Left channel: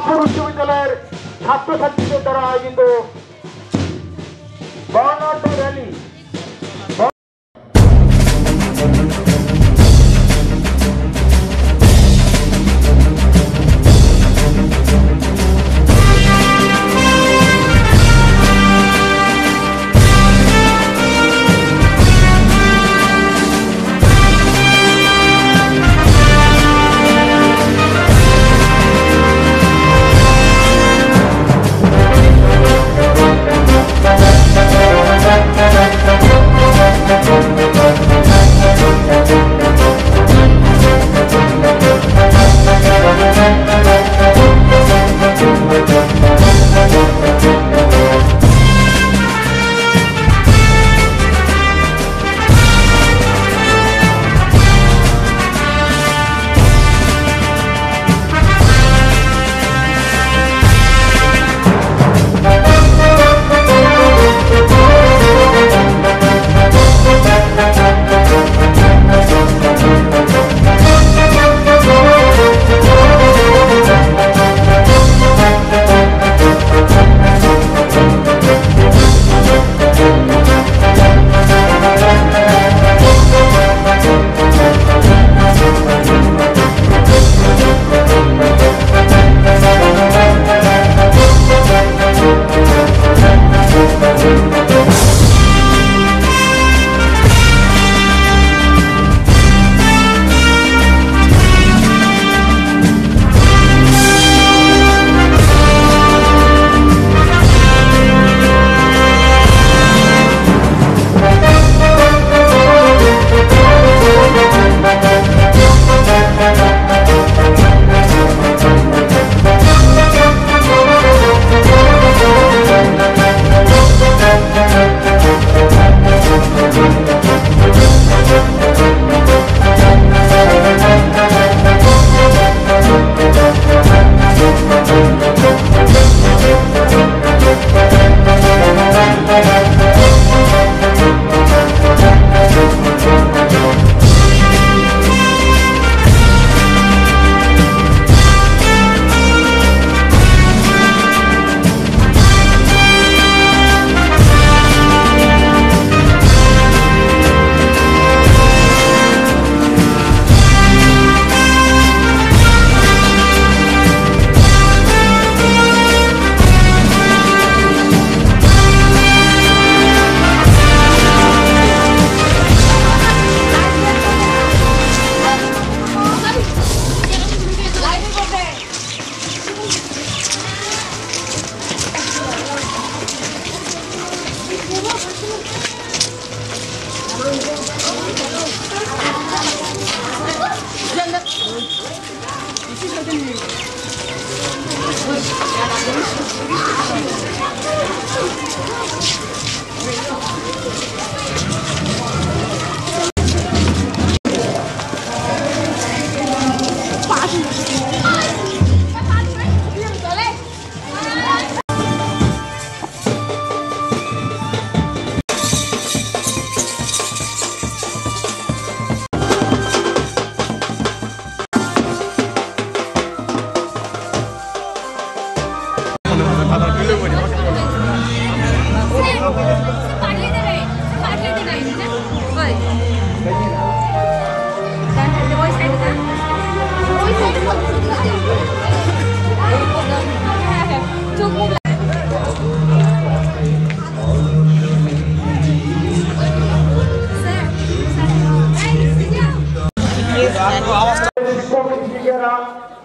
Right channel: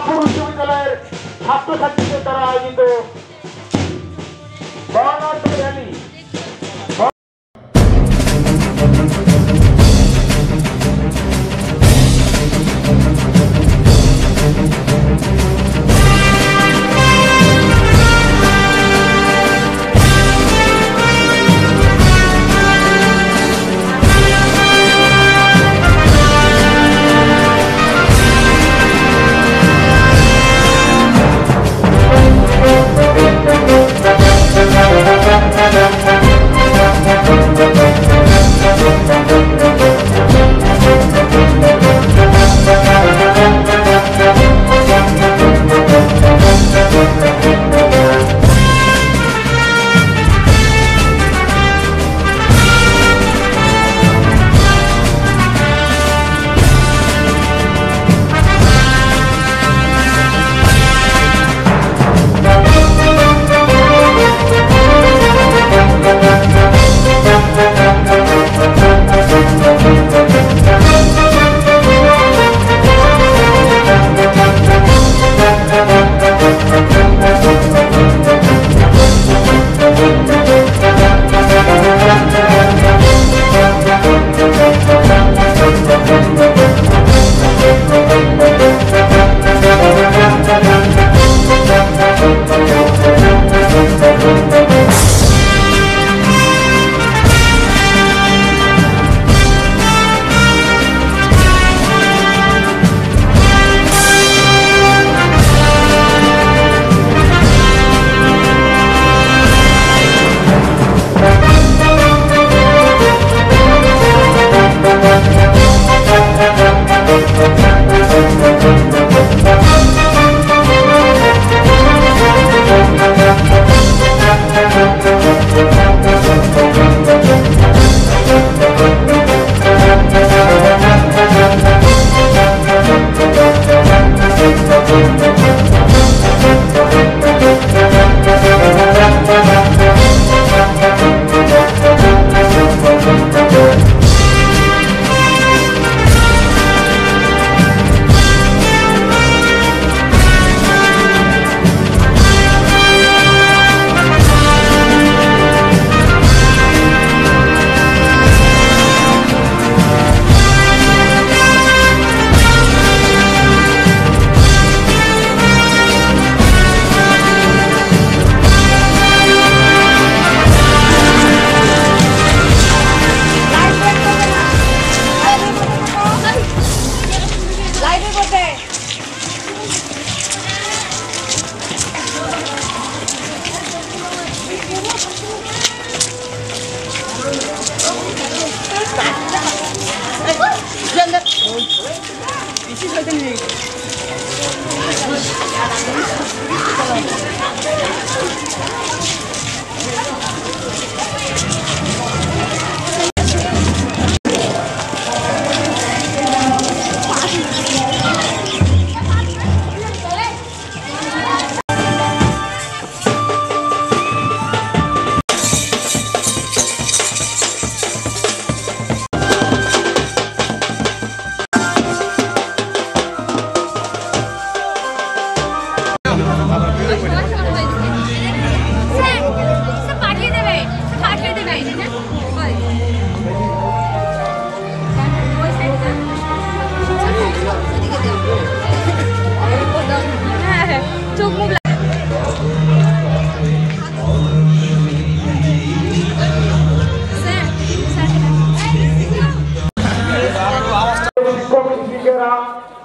সোনাপুর উচ্চ বিদ্যালয়ের ছাত্রছাত্রীদের দ্বারা আয়োজিত বর্ণাঢ্য র্যালি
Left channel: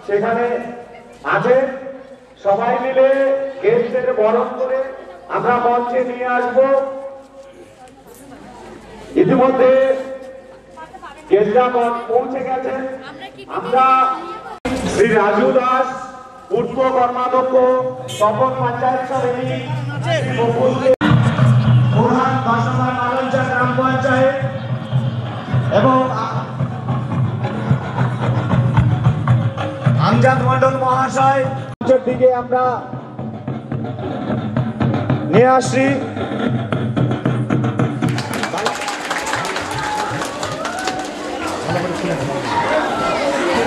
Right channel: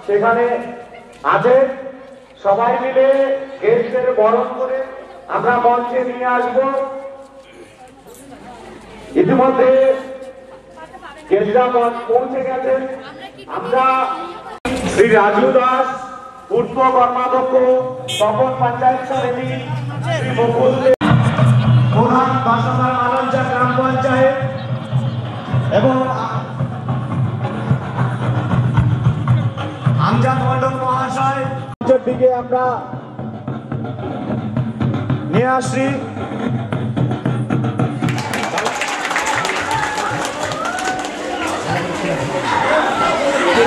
সেখানে আছে সবাই মিলে গেস্টদের বরণ করে আমরা মঞ্চে নিয়ে আসব। ইতিমধ্যে গেস্টরা পৌঁছে গেছেন। আমরা শ্রী রাজু দাস, পূর্ব কর্মাধ্যক্ষ তপন পঞ্চায়েত সমিতি, শ্রী মুকুল প্রধান বাসাবাড় মালঞ্চা গ্রাম পঞ্চায়েত এবং আমজাদ মন্ডল মহাশয় দিকে আমরা নিয়ে আসি।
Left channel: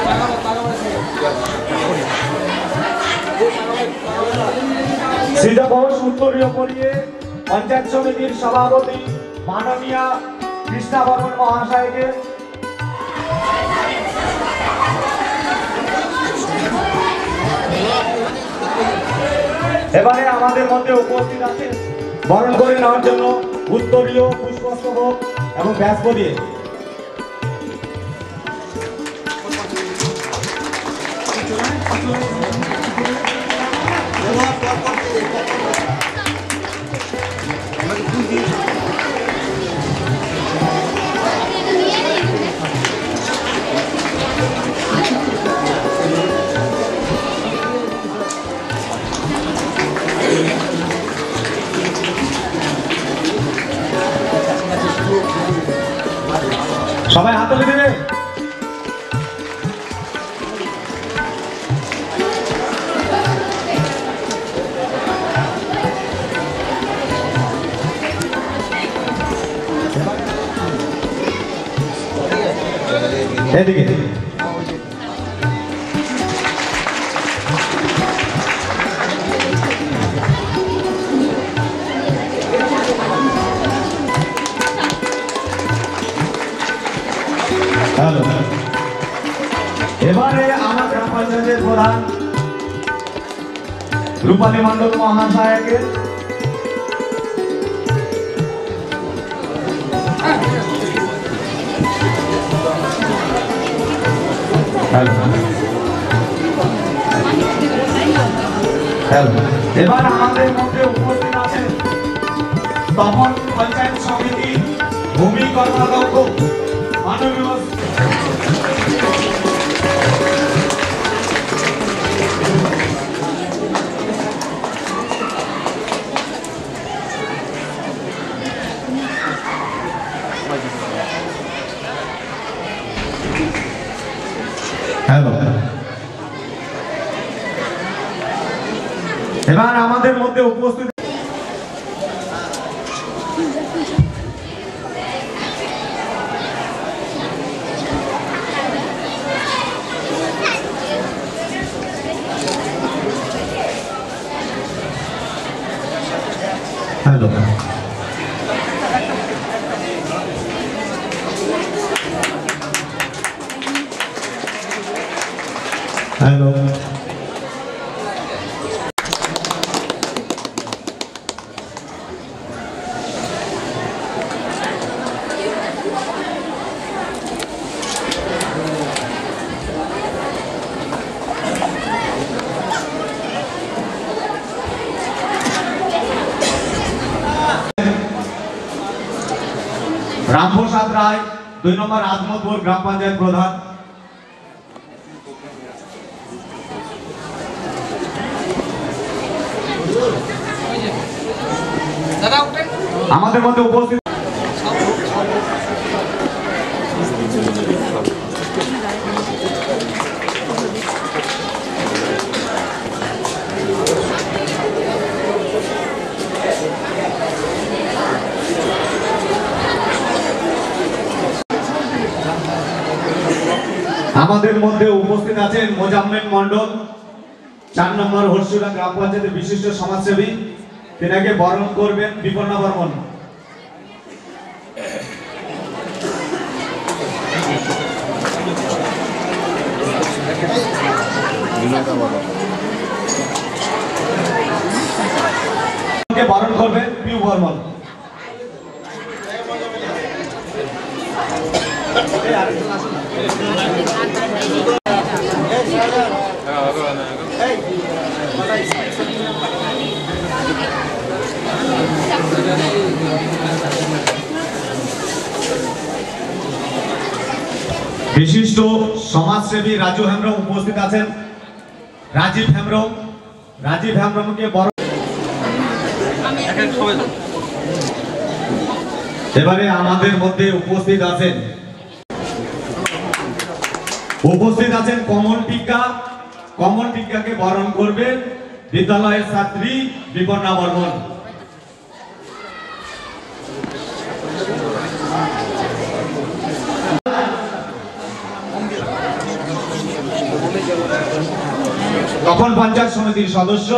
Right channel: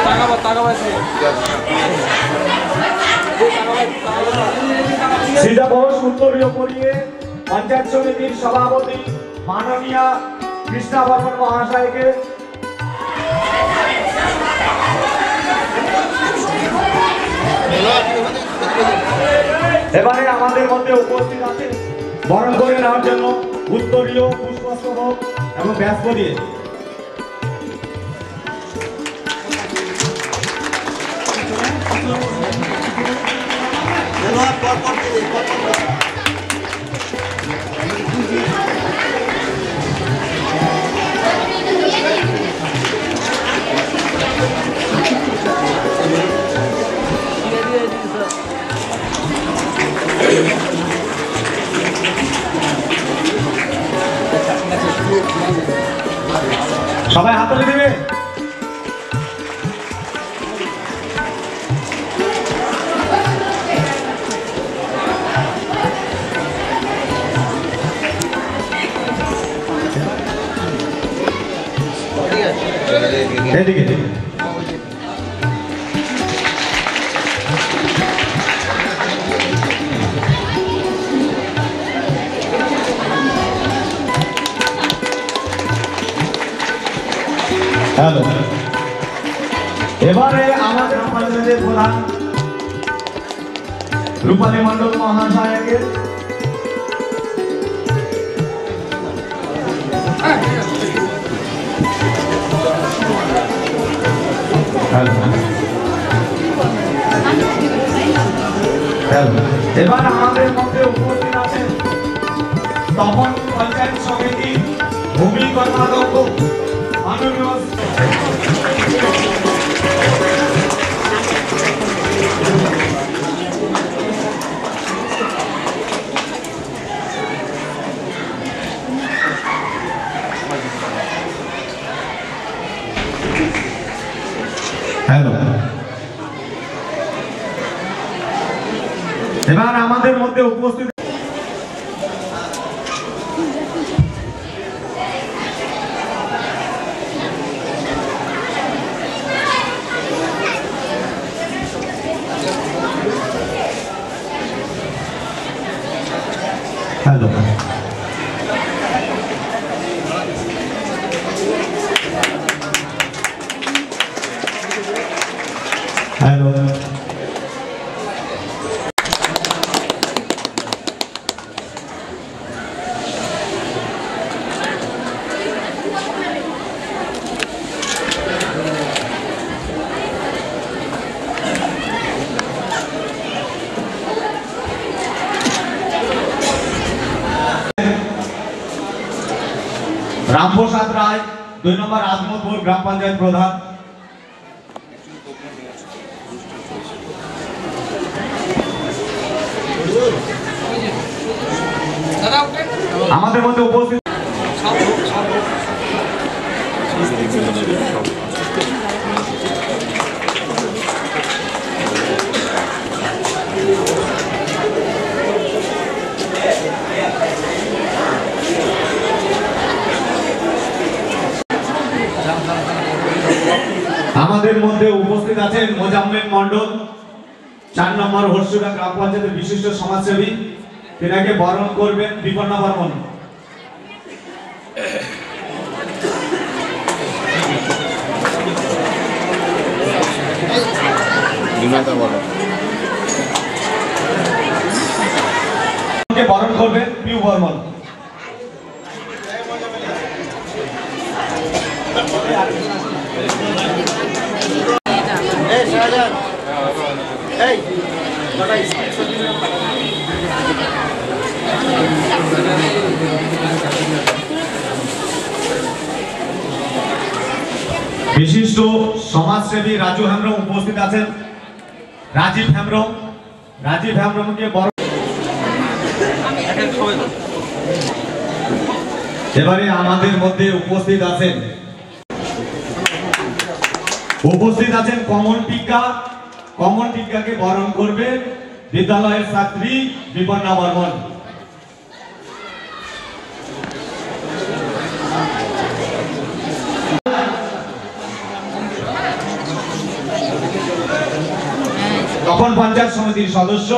টাকা সিধাঘোষ উত্তরীয় পরিয়ে পঞ্চায়েত সমিতির সভাপতি মাননীয় কৃষ্ণা বর্মন মহাশয়কে এবারে আমাদের মধ্যে উপস্থিত আছে বরণ করে নেওয়ার জন্য উত্তরীয় পুষ্পস্তবক এবং ব্যাস পরিয়ে সবাই হাততালি দেবে। এদিকে হ্যালো, এবারে আমরা গ্রাম পঞ্চায়েতের প্রধান রূপালী মণ্ডল মহাশয়কে এবার আমাদের মধ্যে উপস্থিত আছেন তপন পঞ্চায়েত সমিতি ভূমি কর্মাধ্যক্ষ মাননীয় হ্যালো, এবার আমাদের মধ্যে উপস্থিত হ্যালো, হ্যালো, রামপ্রসাদ রায় 2 নম্বর আজমতপুর গ্রাম পঞ্চায়েত প্রধান। আমাদের মধ্যে উপস্থিত আছেন মোজাম্মেল মন্ডল 4 নম্বর হরসুরা গ্রাম পঞ্চায়েতের বিশিষ্ট সমাজসেবী, তেনাকে বরণ করবেন বিপন্ন বর্মন। বরণ করবেন পিউ বর্মন। বিশিষ্ট সমাজসেবী রাজু হেমব্রম উপস্থিত আছেন। রাজীব হেমব্রমকে বরণ। এবারে আমাদের মধ্যে উপস্থিত আছেন কমল টিক্কাকে বরণ করবেন বিদ্যালয়ের ছাত্রী বিপন্না বর্মন। তখন পঞ্চায়েত সমিতি সমিতির সদস্য,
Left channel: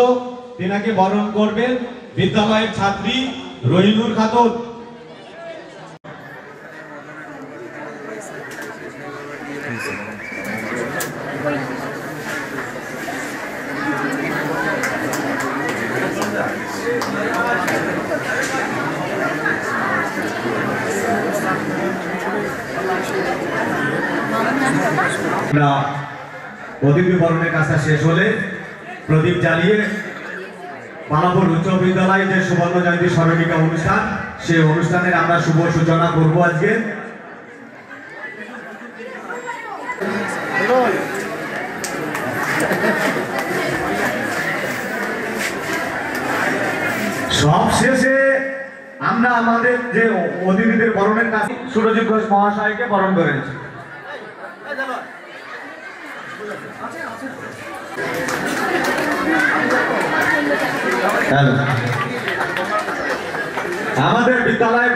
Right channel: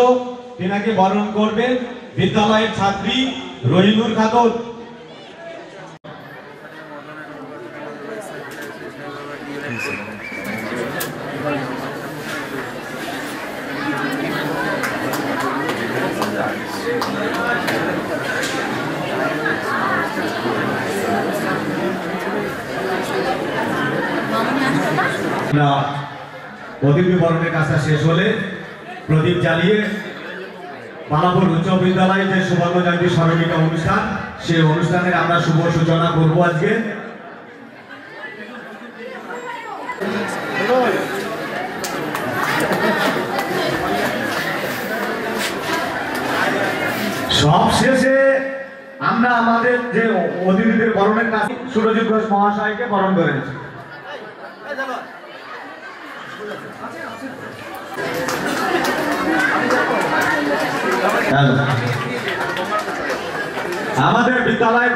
তিনাকে বরণ করবেন বিদ্যালয়ের ছাত্রী রহিনুর খাতুন। অতিথি বরণের কাজটা শেষ হলে প্রদীপ জ্বালিয়ে পালাপুর উচ্চ বিদ্যালয়ে যে সুবর্ণ জয়ন্তী স্মরণিকা অনুষ্ঠান, সেই অনুষ্ঠানের আমরা শুভ সূচনা করব আজকে। সব শেষে আমরা আমাদের যে অতিথিদের বরণের কাজ সুরজিৎ ঘোষ মহাশয়কে বরণ করেছি। আমাদের বিদ্যালয়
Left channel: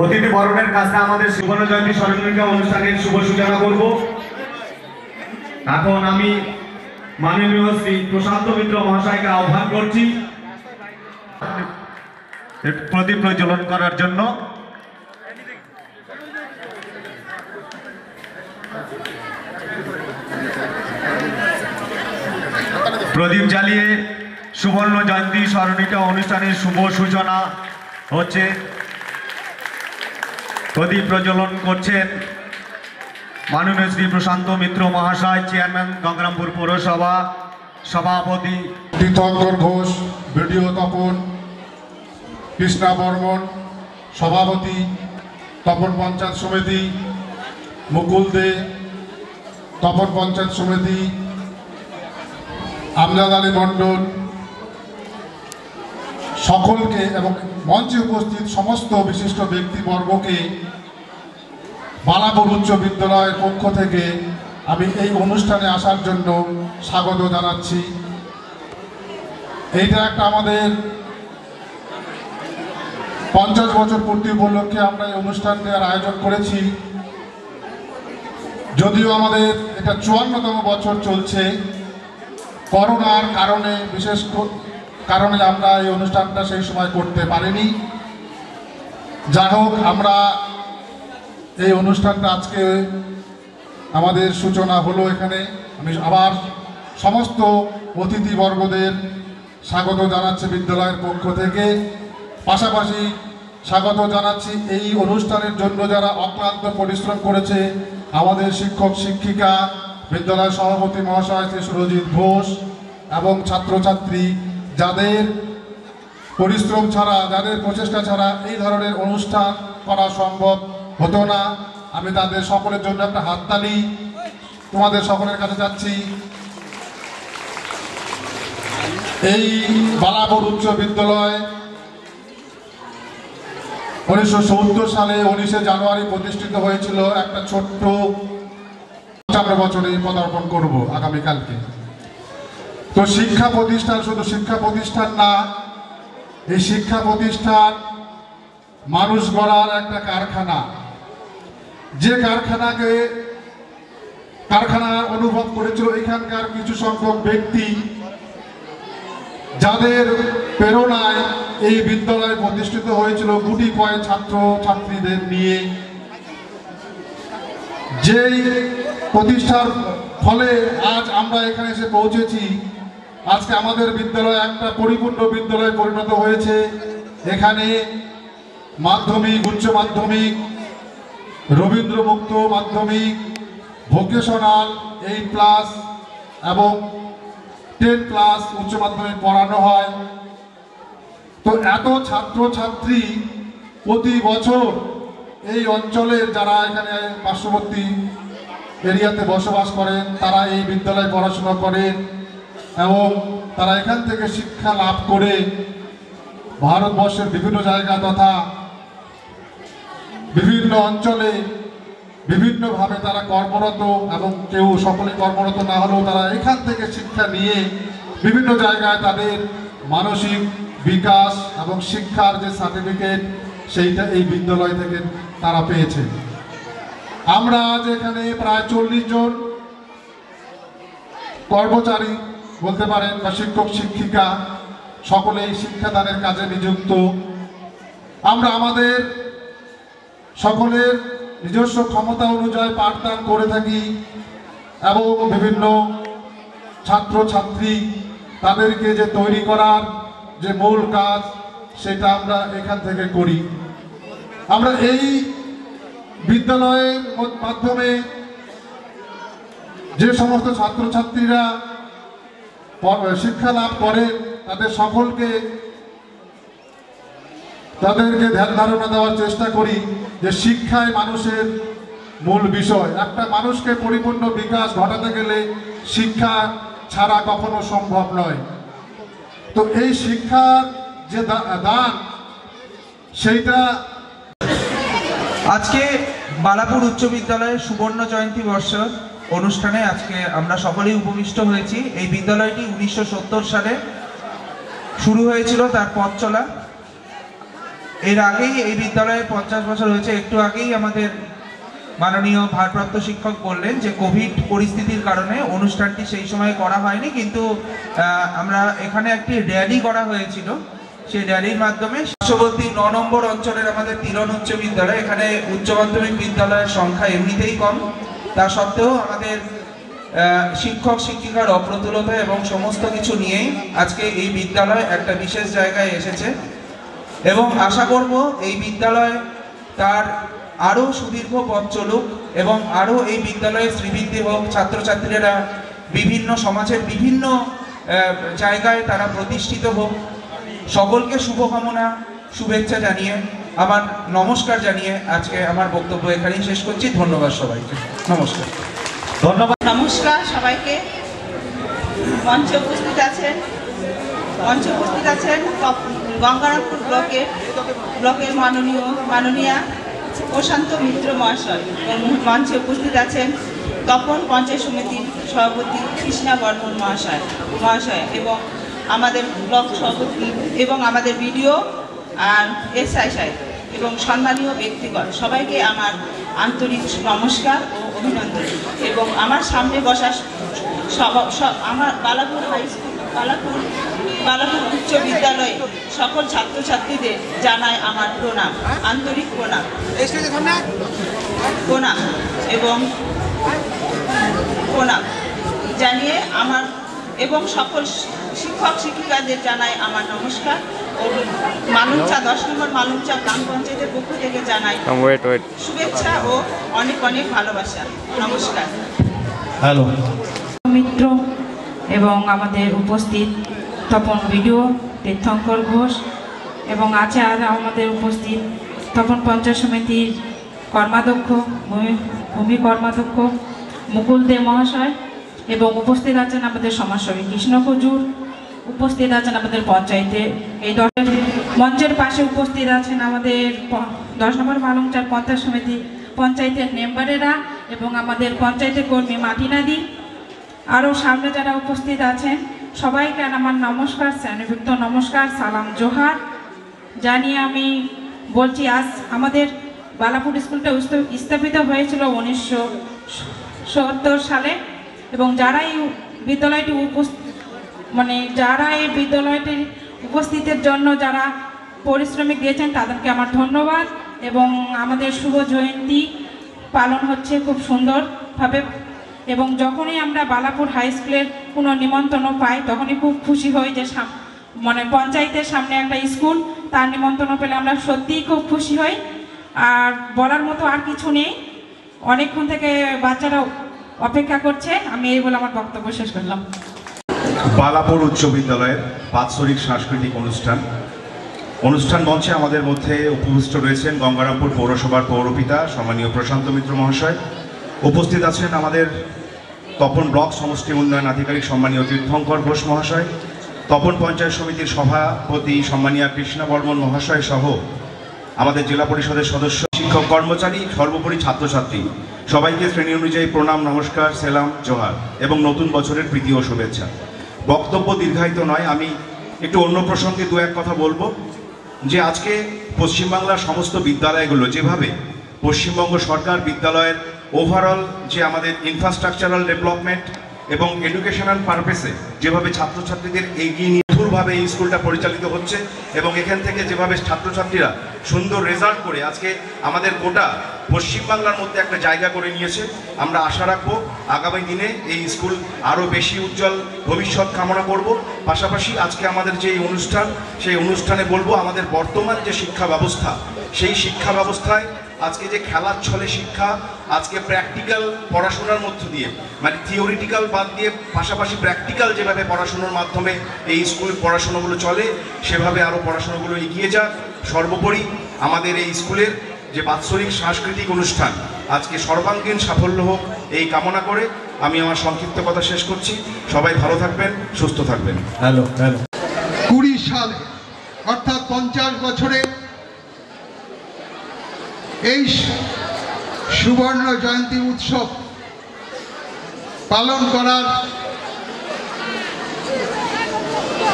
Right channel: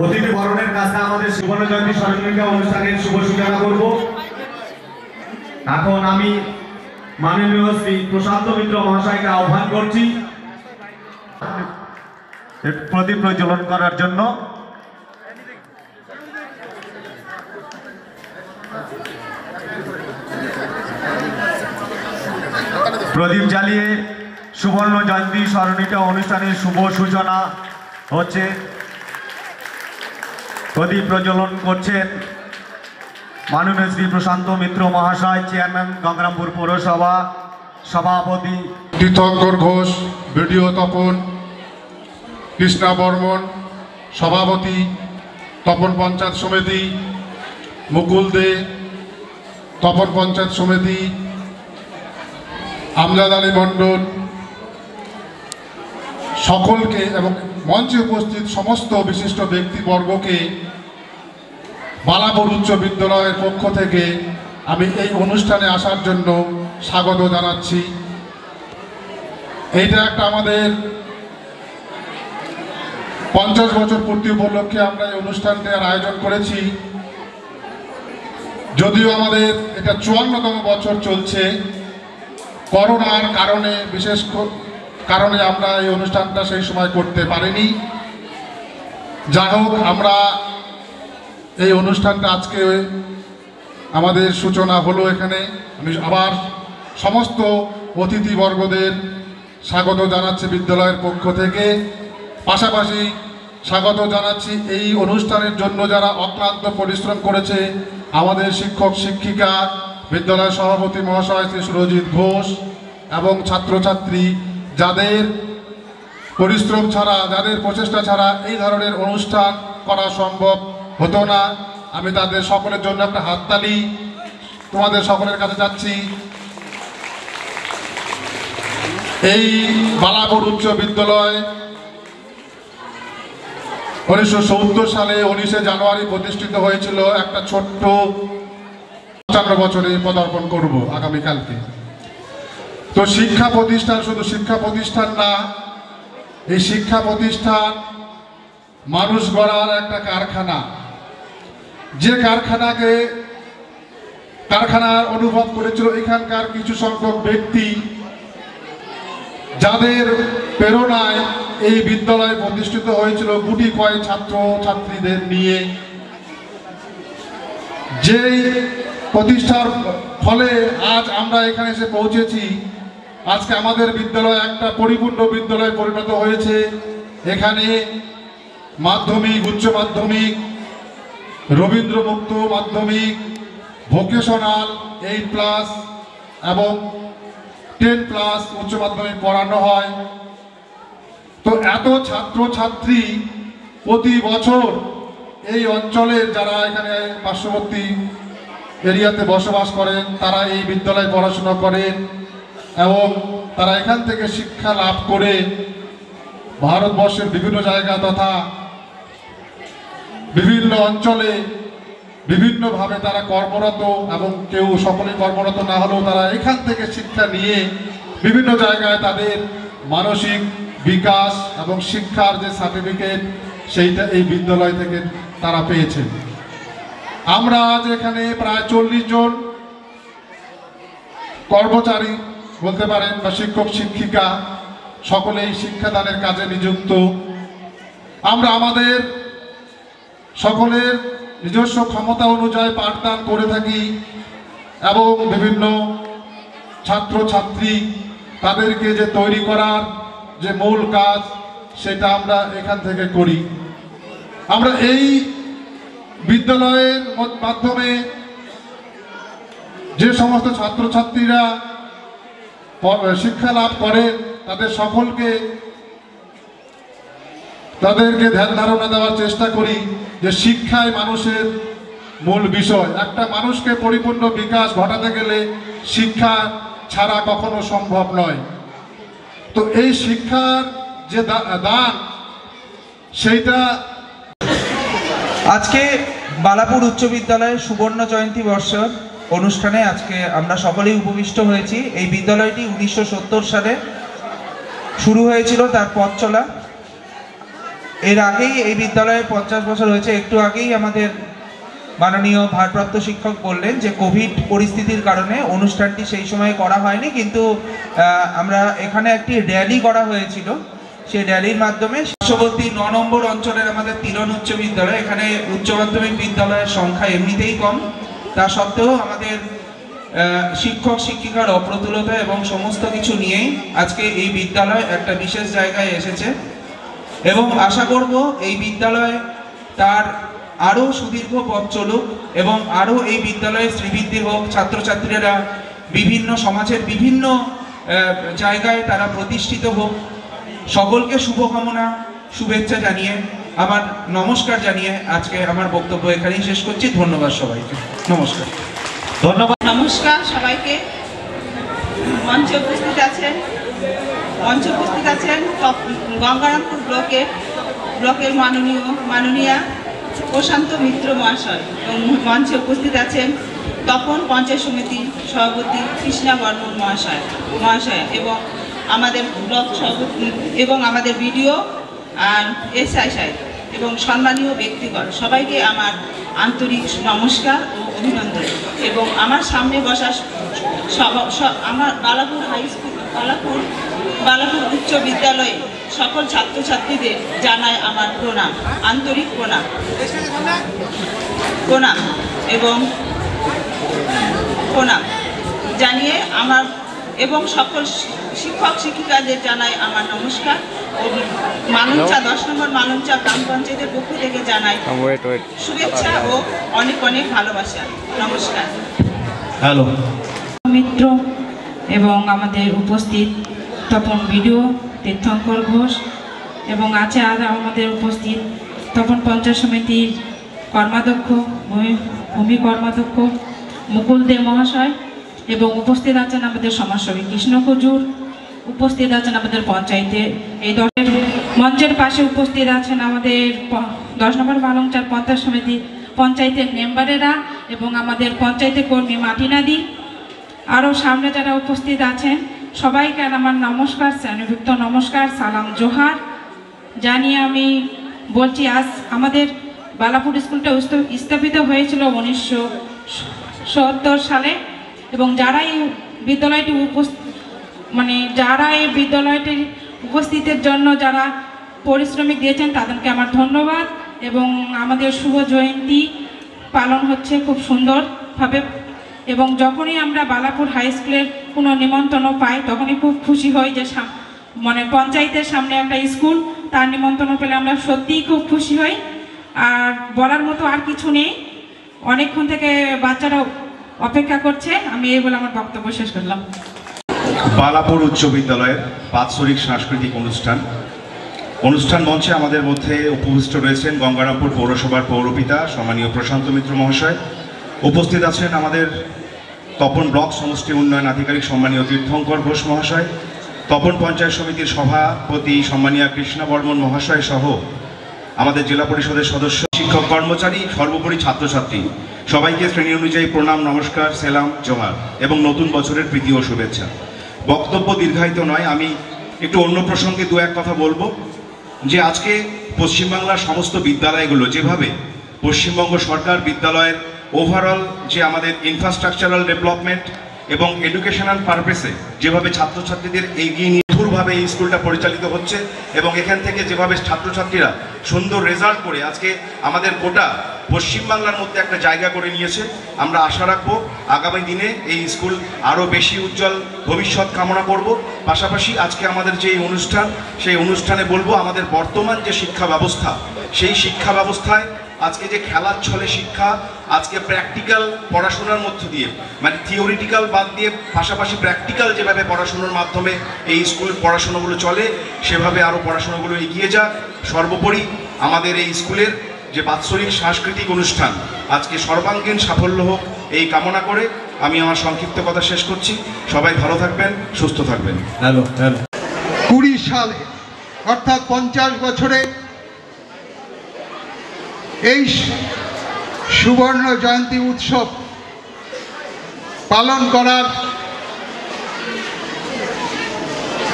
অতিথি বরণের কাজটা আমাদের সুবর্ণ জয়ন্তী স্মরণিকা অনুষ্ঠানের শুভ সূচনা করব। এখন আমি মাননীয় শ্রী প্রশান্ত মিত্র মহাশয়কে আহ্বান করছি প্রদীপ প্রজ্বলন করার জন্য। প্রদীপ জ্বালিয়ে সুবর্ণ জয়ন্তী স্মরণিকা অনুষ্ঠানের শুভ সূচনা হচ্ছে। প্রদীপ প্রজ্বলন করছেন মাননীয় শ্রী প্রশান্ত মিত্র মহাশয়, চেয়ারম্যান গঙ্গারামপুর পৌরসভা, সভাপতি তীর্থঙ্কর ঘোষ, ভিডিও তপন, কৃষ্ণা বর্মন, সভাপতি তপন পঞ্চায়েত সমিতি, মুকুল দে তপন পঞ্চায়েত সমিতি, আমজাদ আলী মণ্ডল, সকলকে এবং মঞ্চে উপস্থিত সমস্ত বিশিষ্ট ব্যক্তিবর্গকে বালাপুর উচ্চ বিদ্যালয়ের পক্ষ থেকে আমি এই অনুষ্ঠানে আসার জন্য স্বাগত জানাচ্ছি। এইটা একটা আমাদের 50 বছর পূর্তি উপলক্ষে আমরা এই অনুষ্ঠানটির আয়োজন করেছি। যদিও আমাদের এটা 54তম বছর চলছে, করোনার কারণে বিশেষ কারণে আমরা এই অনুষ্ঠানটা সেই সময় করতে পারিনি। যা হোক, আমরা এই অনুষ্ঠানটা আজকে আমাদের সূচনা হলো এখানে। আমি আবার সমস্ত অতিথিবর্গদের স্বাগত জানাচ্ছি বিদ্যালয়ের পক্ষ থেকে। পাশাপাশি স্বাগত জানাচ্ছি এই অনুষ্ঠানের জন্য যারা অক্লান্ত পরিশ্রম করেছে, আমাদের শিক্ষক শিক্ষিকা, বিদ্যালয়ের সভাপতি মহাশয় শ্রী সুরজিৎ ঘোষ এবং ছাত্রছাত্রী, যাদের পরিশ্রম ছাড়া, যাদের প্রচেষ্টা ছাড়া এই ধরনের অনুষ্ঠান করা সম্ভব হতো না। আমি তাদের সকলের জন্য একটা হাততালি তোমাদের সকলের কাছে যাচ্ছি। এই বালাপুর উচ্চ বিদ্যালয় 1970 সালে 19শে জানুয়ারি প্রতিষ্ঠিত হয়েছিল। একটা ছোট্ট 55 বছরে পদার্পণ করব আগামীকালকে। তো শিক্ষা প্রতিষ্ঠান শুধু শিক্ষা প্রতিষ্ঠান না, এই শিক্ষা প্রতিষ্ঠান মানুষ গড়ার একটা কারখানা। যে কারখানার অনুভব করেছিল এখানকার কিছু সংখ্যক ব্যক্তি, যাদের প্রেরণায় এই বিদ্যালয় প্রতিষ্ঠিত হয়েছিল গুটি কয়েক ছাত্র ছাত্রীদের নিয়ে। যেই প্রতিষ্ঠার ফলে আজ আমরা এখানে এসে পৌঁছেছি। আজকে আমাদের বিদ্যালয় একটা পরিপূর্ণ বিদ্যালয়ে পরিণত হয়েছে। এখানে মাধ্যমিক, উচ্চ মাধ্যমিক, রবীন্দ্র মুক্ত মাধ্যমিক, ভোকেশনাল 8+ এবং 10+ উচ্চ মাধ্যমিক পড়ানো হয়। তো এত ছাত্র ছাত্রী প্রতি বছর এই অঞ্চলে যারা এখানে পার্শ্ববর্তী এরিয়াতে বসবাস করেন, তারা এই বিদ্যালয়ে পড়াশোনা করেন এবং তারা এখান থেকে শিক্ষা লাভ করে ভারতবর্ষের বিভিন্ন জায়গা তথা বিভিন্ন অঞ্চলে বিভিন্নভাবে তারা কর্মরত, এবং কেউ সকলেই কর্মরত না হলেও তারা এখান থেকে শিক্ষা নিয়ে বিভিন্ন জায়গায় তাদের মানসিক বিকাশ এবং শিক্ষার যে সার্টিফিকেট, সেইটা এই বিদ্যালয় থেকে তারা পেয়েছে। আমরা আজ এখানে প্রায় 40 জন কর্মচারী বলতে পারেন বা শিক্ষক শিক্ষিকা সকলেই শিক্ষাদানের কাজে নিযুক্ত। আমরা আমাদের সকলের নিজস্ব ক্ষমতা অনুযায়ী পাঠদান করে থাকি এবং বিভিন্ন ছাত্রছাত্রী তাদেরকে যে তৈরি করার যে মূল কাজ সেটা আমরা এখান থেকে করি। আমরা এই বিদ্যালয়ের মাধ্যমে যে সমস্ত ছাত্রছাত্রীরা শিক্ষা লাভ করে তাদের সকলকে তাদেরকে ধ্যান ধারণা দেওয়ার চেষ্টা করি যে শিক্ষাই মানুষের মূল বিষয়। একটা মানুষকে পরিপূর্ণ বিকাশ ঘটাতে গেলে শিক্ষা ছাড়া কখনো সম্ভব নয়। তো এই শিক্ষার যে দান সেইটা আজকে বালাপুর উচ্চ বিদ্যালয়ের সুবর্ণ জয়ন্তী বর্ষের অনুষ্ঠানে আজকে আমরা সকলেই উপবিষ্ট হয়েছি। এই বিদ্যালয়টি 1970 সালে শুরু হয়েছিল তার পথ চলা। এর আগেই এই বিদ্যালয়ে 50 বছর হয়েছে। একটু আগেই আমাদের মাননীয় ভারপ্রাপ্ত শিক্ষক বললেন যে কোভিড পরিস্থিতির কারণে অনুষ্ঠানটি সেই সময় করা হয়নি, কিন্তু আমরা এখানে একটি র্যালি করা হয়েছিল। সেই র্যালির মাধ্যমে পার্শ্ববর্তী 9 নম্বর অঞ্চলের আমাদের তিলন উচ্চ বিদ্যালয়, এখানে উচ্চ মাধ্যমিক বিদ্যালয়ের সংখ্যা এমনিতেই কম, তা সত্ত্বেও আমাদের শিক্ষক শিক্ষিকার অপ্রতুলতা এবং সমস্ত কিছু নিয়েই আজকে এই বিদ্যালয় একটা বিশেষ জায়গায় এসেছে এবং আশা করব এই বিদ্যালয় তার আরো সুদীর্ঘ পথ চলুক এবং আরো এই বিদ্যালয়ে শ্রীবৃদ্ধি হোক। ছাত্রছাত্রীরা বিভিন্ন সমাজের বিভিন্ন জায়গায় তারা প্রতিষ্ঠিত হোক। সকলকে শুভকামনা শুভেচ্ছা জানিয়ে আমার নমস্কার জানিয়ে আজকে আমার বক্তব্য এখানেই শেষ করছি। ধন্যবাদ সবাইকে। নমস্কার। ধন্যবাদ। নমস্কার সবাইকে। মঞ্চে উপস্থিত আছেন গঙ্গারামপুর ব্লকের মাননীয়া প্রশান্ত মিত্র মহাশয় এবং মঞ্চে উপস্থিত আছেন তপন পঞ্চায়েত সমিতির সভাপতি কৃষ্ণা বর্মন মহাশয় এবং আমাদের ব্লক সভাপতি এবং আমাদের বিডিও আর এসআই সাহেব এবং সম্মানীয় ব্যক্তিগণ সবাইকে আমার আন্তরিক নমস্কার ও অভিনন্দন। এবং আমার সামনে বসা আমার বালাপুর হাই স্কুল বালাপুর উচ্চ বিদ্যালয়ে সকল ছাত্রছাত্রীদের জানাই আমার প্রণাম, আন্তরিক প্রণাম এবং প্রণাম জানিয়ে আমার এবং সকল শিক্ষক শিক্ষিকাদের জানাই আমার নমস্কার ও মালঞ্চা 10 নম্বর মালঞ্চা গ্রাম পঞ্চায়েতের পক্ষ থেকে জানাই শুভেচ্ছা ও অনেক অনেক ভালোবাসা। নমস্কার। হ্যালো মিত্র এবং আমাদের উপস্থিত তপন বিডিও তীর্থঙ্কর ঘোষ এবং আছে আর আমাদের উপস্থিত তপন পঞ্চায়েত সমিতির কর্মাধ্যক্ষ ভূমি কর্মাধ্যক্ষ মুকুল দে মহাশয় এবং উপস্থিত আছেন আমাদের সমাজসেবী কৃষ্ণ কজুর, উপস্থিত আছেন আমাদের পঞ্চায়েতে এই মঞ্চের পাশে উপস্থিত আছেন আমাদের 10 নম্বর মালঞ্চার পঞ্চায়েত সমিতি পঞ্চায়েতের মেম্বারেরা এবং আমাদের পঞ্চায়েতের কর্মী মাটিনাদি। আরও সামনে যারা উপস্থিত আছেন সবাইকে আমার নমস্কার, স্নেহযুক্ত নমস্কার, সালাম জোহার জানিয়ে আমি বলছি আজ আমাদের বালাপুর স্কুলটা স্থাপিত হয়েছিল 1970 সালে এবং যারা এই বিদ্যালয়টি এই বিদ্যালয়টির উপস্থিতির জন্য যারা পরিশ্রমিক দিয়েছেন তাদেরকে আমার ধন্যবাদ। এবং আমাদের শুভ জয়ন্তী পালন হচ্ছে খুব সুন্দরভাবে এবং যখনই আমরা বালাপুর হাই স্কুলের কোনো নিমন্ত্রণ পাই তখনই খুব খুশি হই যে পঞ্চায়েতের সামনে একটা স্কুল, তার নিমন্ত্রণ পেলে আমরা সত্যিই খুব খুশি হই। আর বলার মতো আর কিছু নেই, অনেকক্ষণ থেকে বাচ্চারা অপেক্ষা করছে। আমি এই বলে আমার বক্তব্য শেষ করলাম। বালাপুর উচ্চ বিদ্যালয়ের বাৎসরিক সাংস্কৃতিক অনুষ্ঠান মঞ্চে আমাদের মধ্যে উপবিষ্ট রয়েছেন গঙ্গারামপুর পৌরসভার পৌরপিতা সম্মানীয় প্রশান্ত মিত্র মহাশয়। উপস্থিত আছেন আমাদের তপন ব্লক সমষ্টি উন্নয়ন আধিকারিক সম্মানীয় তীর্থঙ্কর ঘোষ মহাশয়, তপন পঞ্চায়েত সমিতির সভাপতি সম্মানীয় কৃষ্ণা বর্মন মহাশয় সহ আমাদের জেলা পরিষদের সদস্য, শিক্ষক কর্মচারী, সর্বোপরি ছাত্রছাত্রী সবাইকে শ্রেণী অনুযায়ী প্রণাম, নমস্কার, সেলাম, জোহার এবং নতুন বছরের প্রীতি ও শুভেচ্ছা। বক্তব্য দীর্ঘায়িত নয়, আমি একটু অন্য প্রসঙ্গে দু এক কথা বলবো যে আজকে পশ্চিমবাংলার সমস্ত বিদ্যালয়গুলো যেভাবে পশ্চিমবঙ্গ সরকার বিদ্যালয়ের ওভারঅল যে আমাদের ইনফ্রাস্ট্রাকচারাল ডেভেলপমেন্ট এবং এডুকেশনাল পারপাসে যেভাবে ছাত্রছাত্রীদের এগিয়ে নিয়ে নির্ভুলভাবে এই স্কুলটা পরিচালিত হচ্ছে এবং এখান থেকে যেভাবে ছাত্রছাত্রীরা সুন্দর রেজাল্ট করে আজকে আমাদের গোটা পশ্চিমবাংলার মধ্যে একটা জায়গা করে নিয়েছে, আমরা আশা রাখবো আগামী দিনে এই স্কুল আরও বেশি উজ্জ্বল ভবিষ্যৎ কামনা করব। পাশাপাশি আজকে আমাদের যে অনুষ্ঠান, সেই অনুষ্ঠানে বলবো আমাদের বর্তমান যে শিক্ষা ব্যবস্থা, সেই শিক্ষা ব্যবস্থায় আজকে যে খেলার ছলে শিক্ষা, আজকে প্র্যাকটিক্যাল পড়াশোনার মধ্য দিয়ে, মানে থিওরিটিক্যাল বাদ দিয়ে পাশাপাশি প্র্যাকটিক্যাল যেভাবে পড়াশোনার মাধ্যমে এই স্কুল পড়াশোনাগুলো চলে, সেভাবে আরও পড়াশোনাগুলো এগিয়ে যাক। সর্বোপরি আমাদের এই স্কুলের যে বাৎসরিক সাংস্কৃতিক অনুষ্ঠান আজকে সর্বাঙ্গীন সাফল্য হোক এই কামনা করে আমি আমার সংক্ষিপ্ত কথা শেষ করছি। সবাই ভালো থাকবেন, সুস্থ থাকবেন। 20 সালে অর্থাৎ 50 বছরে এই সুবর্ণ জয়ন্তী উৎসব পালন করার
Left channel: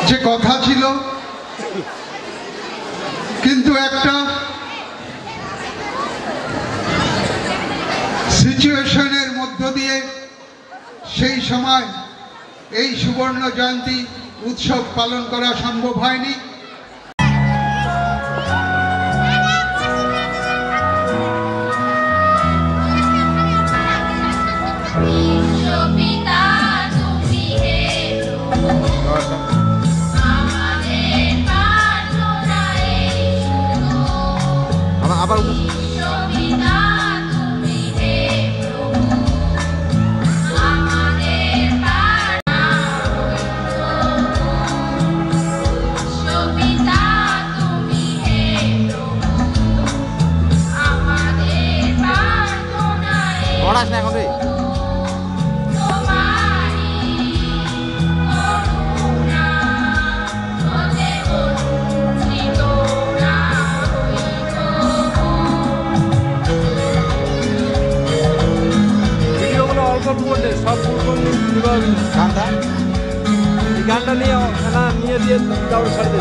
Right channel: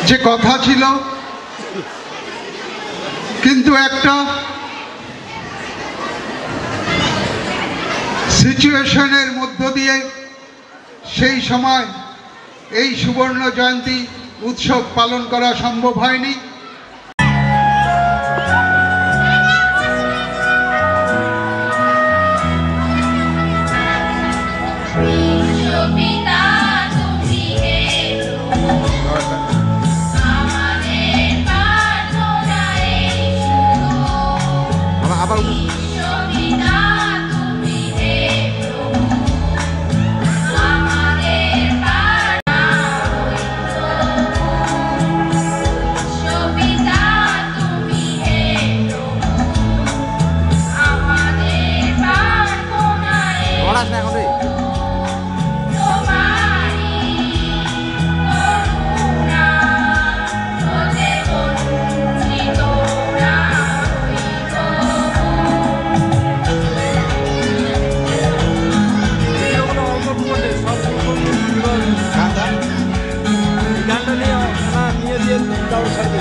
যে কথা ছিল, কিন্তু একটা সিচুয়েশনের মধ্য দিয়ে সেই সময় এই সুবর্ণ জয়ন্তী উৎসব পালন করা সম্ভব হয়নি। আবার পড়াস না এখন রে। গানটা নিয়ে দিয়ে দাও ছাড়বে।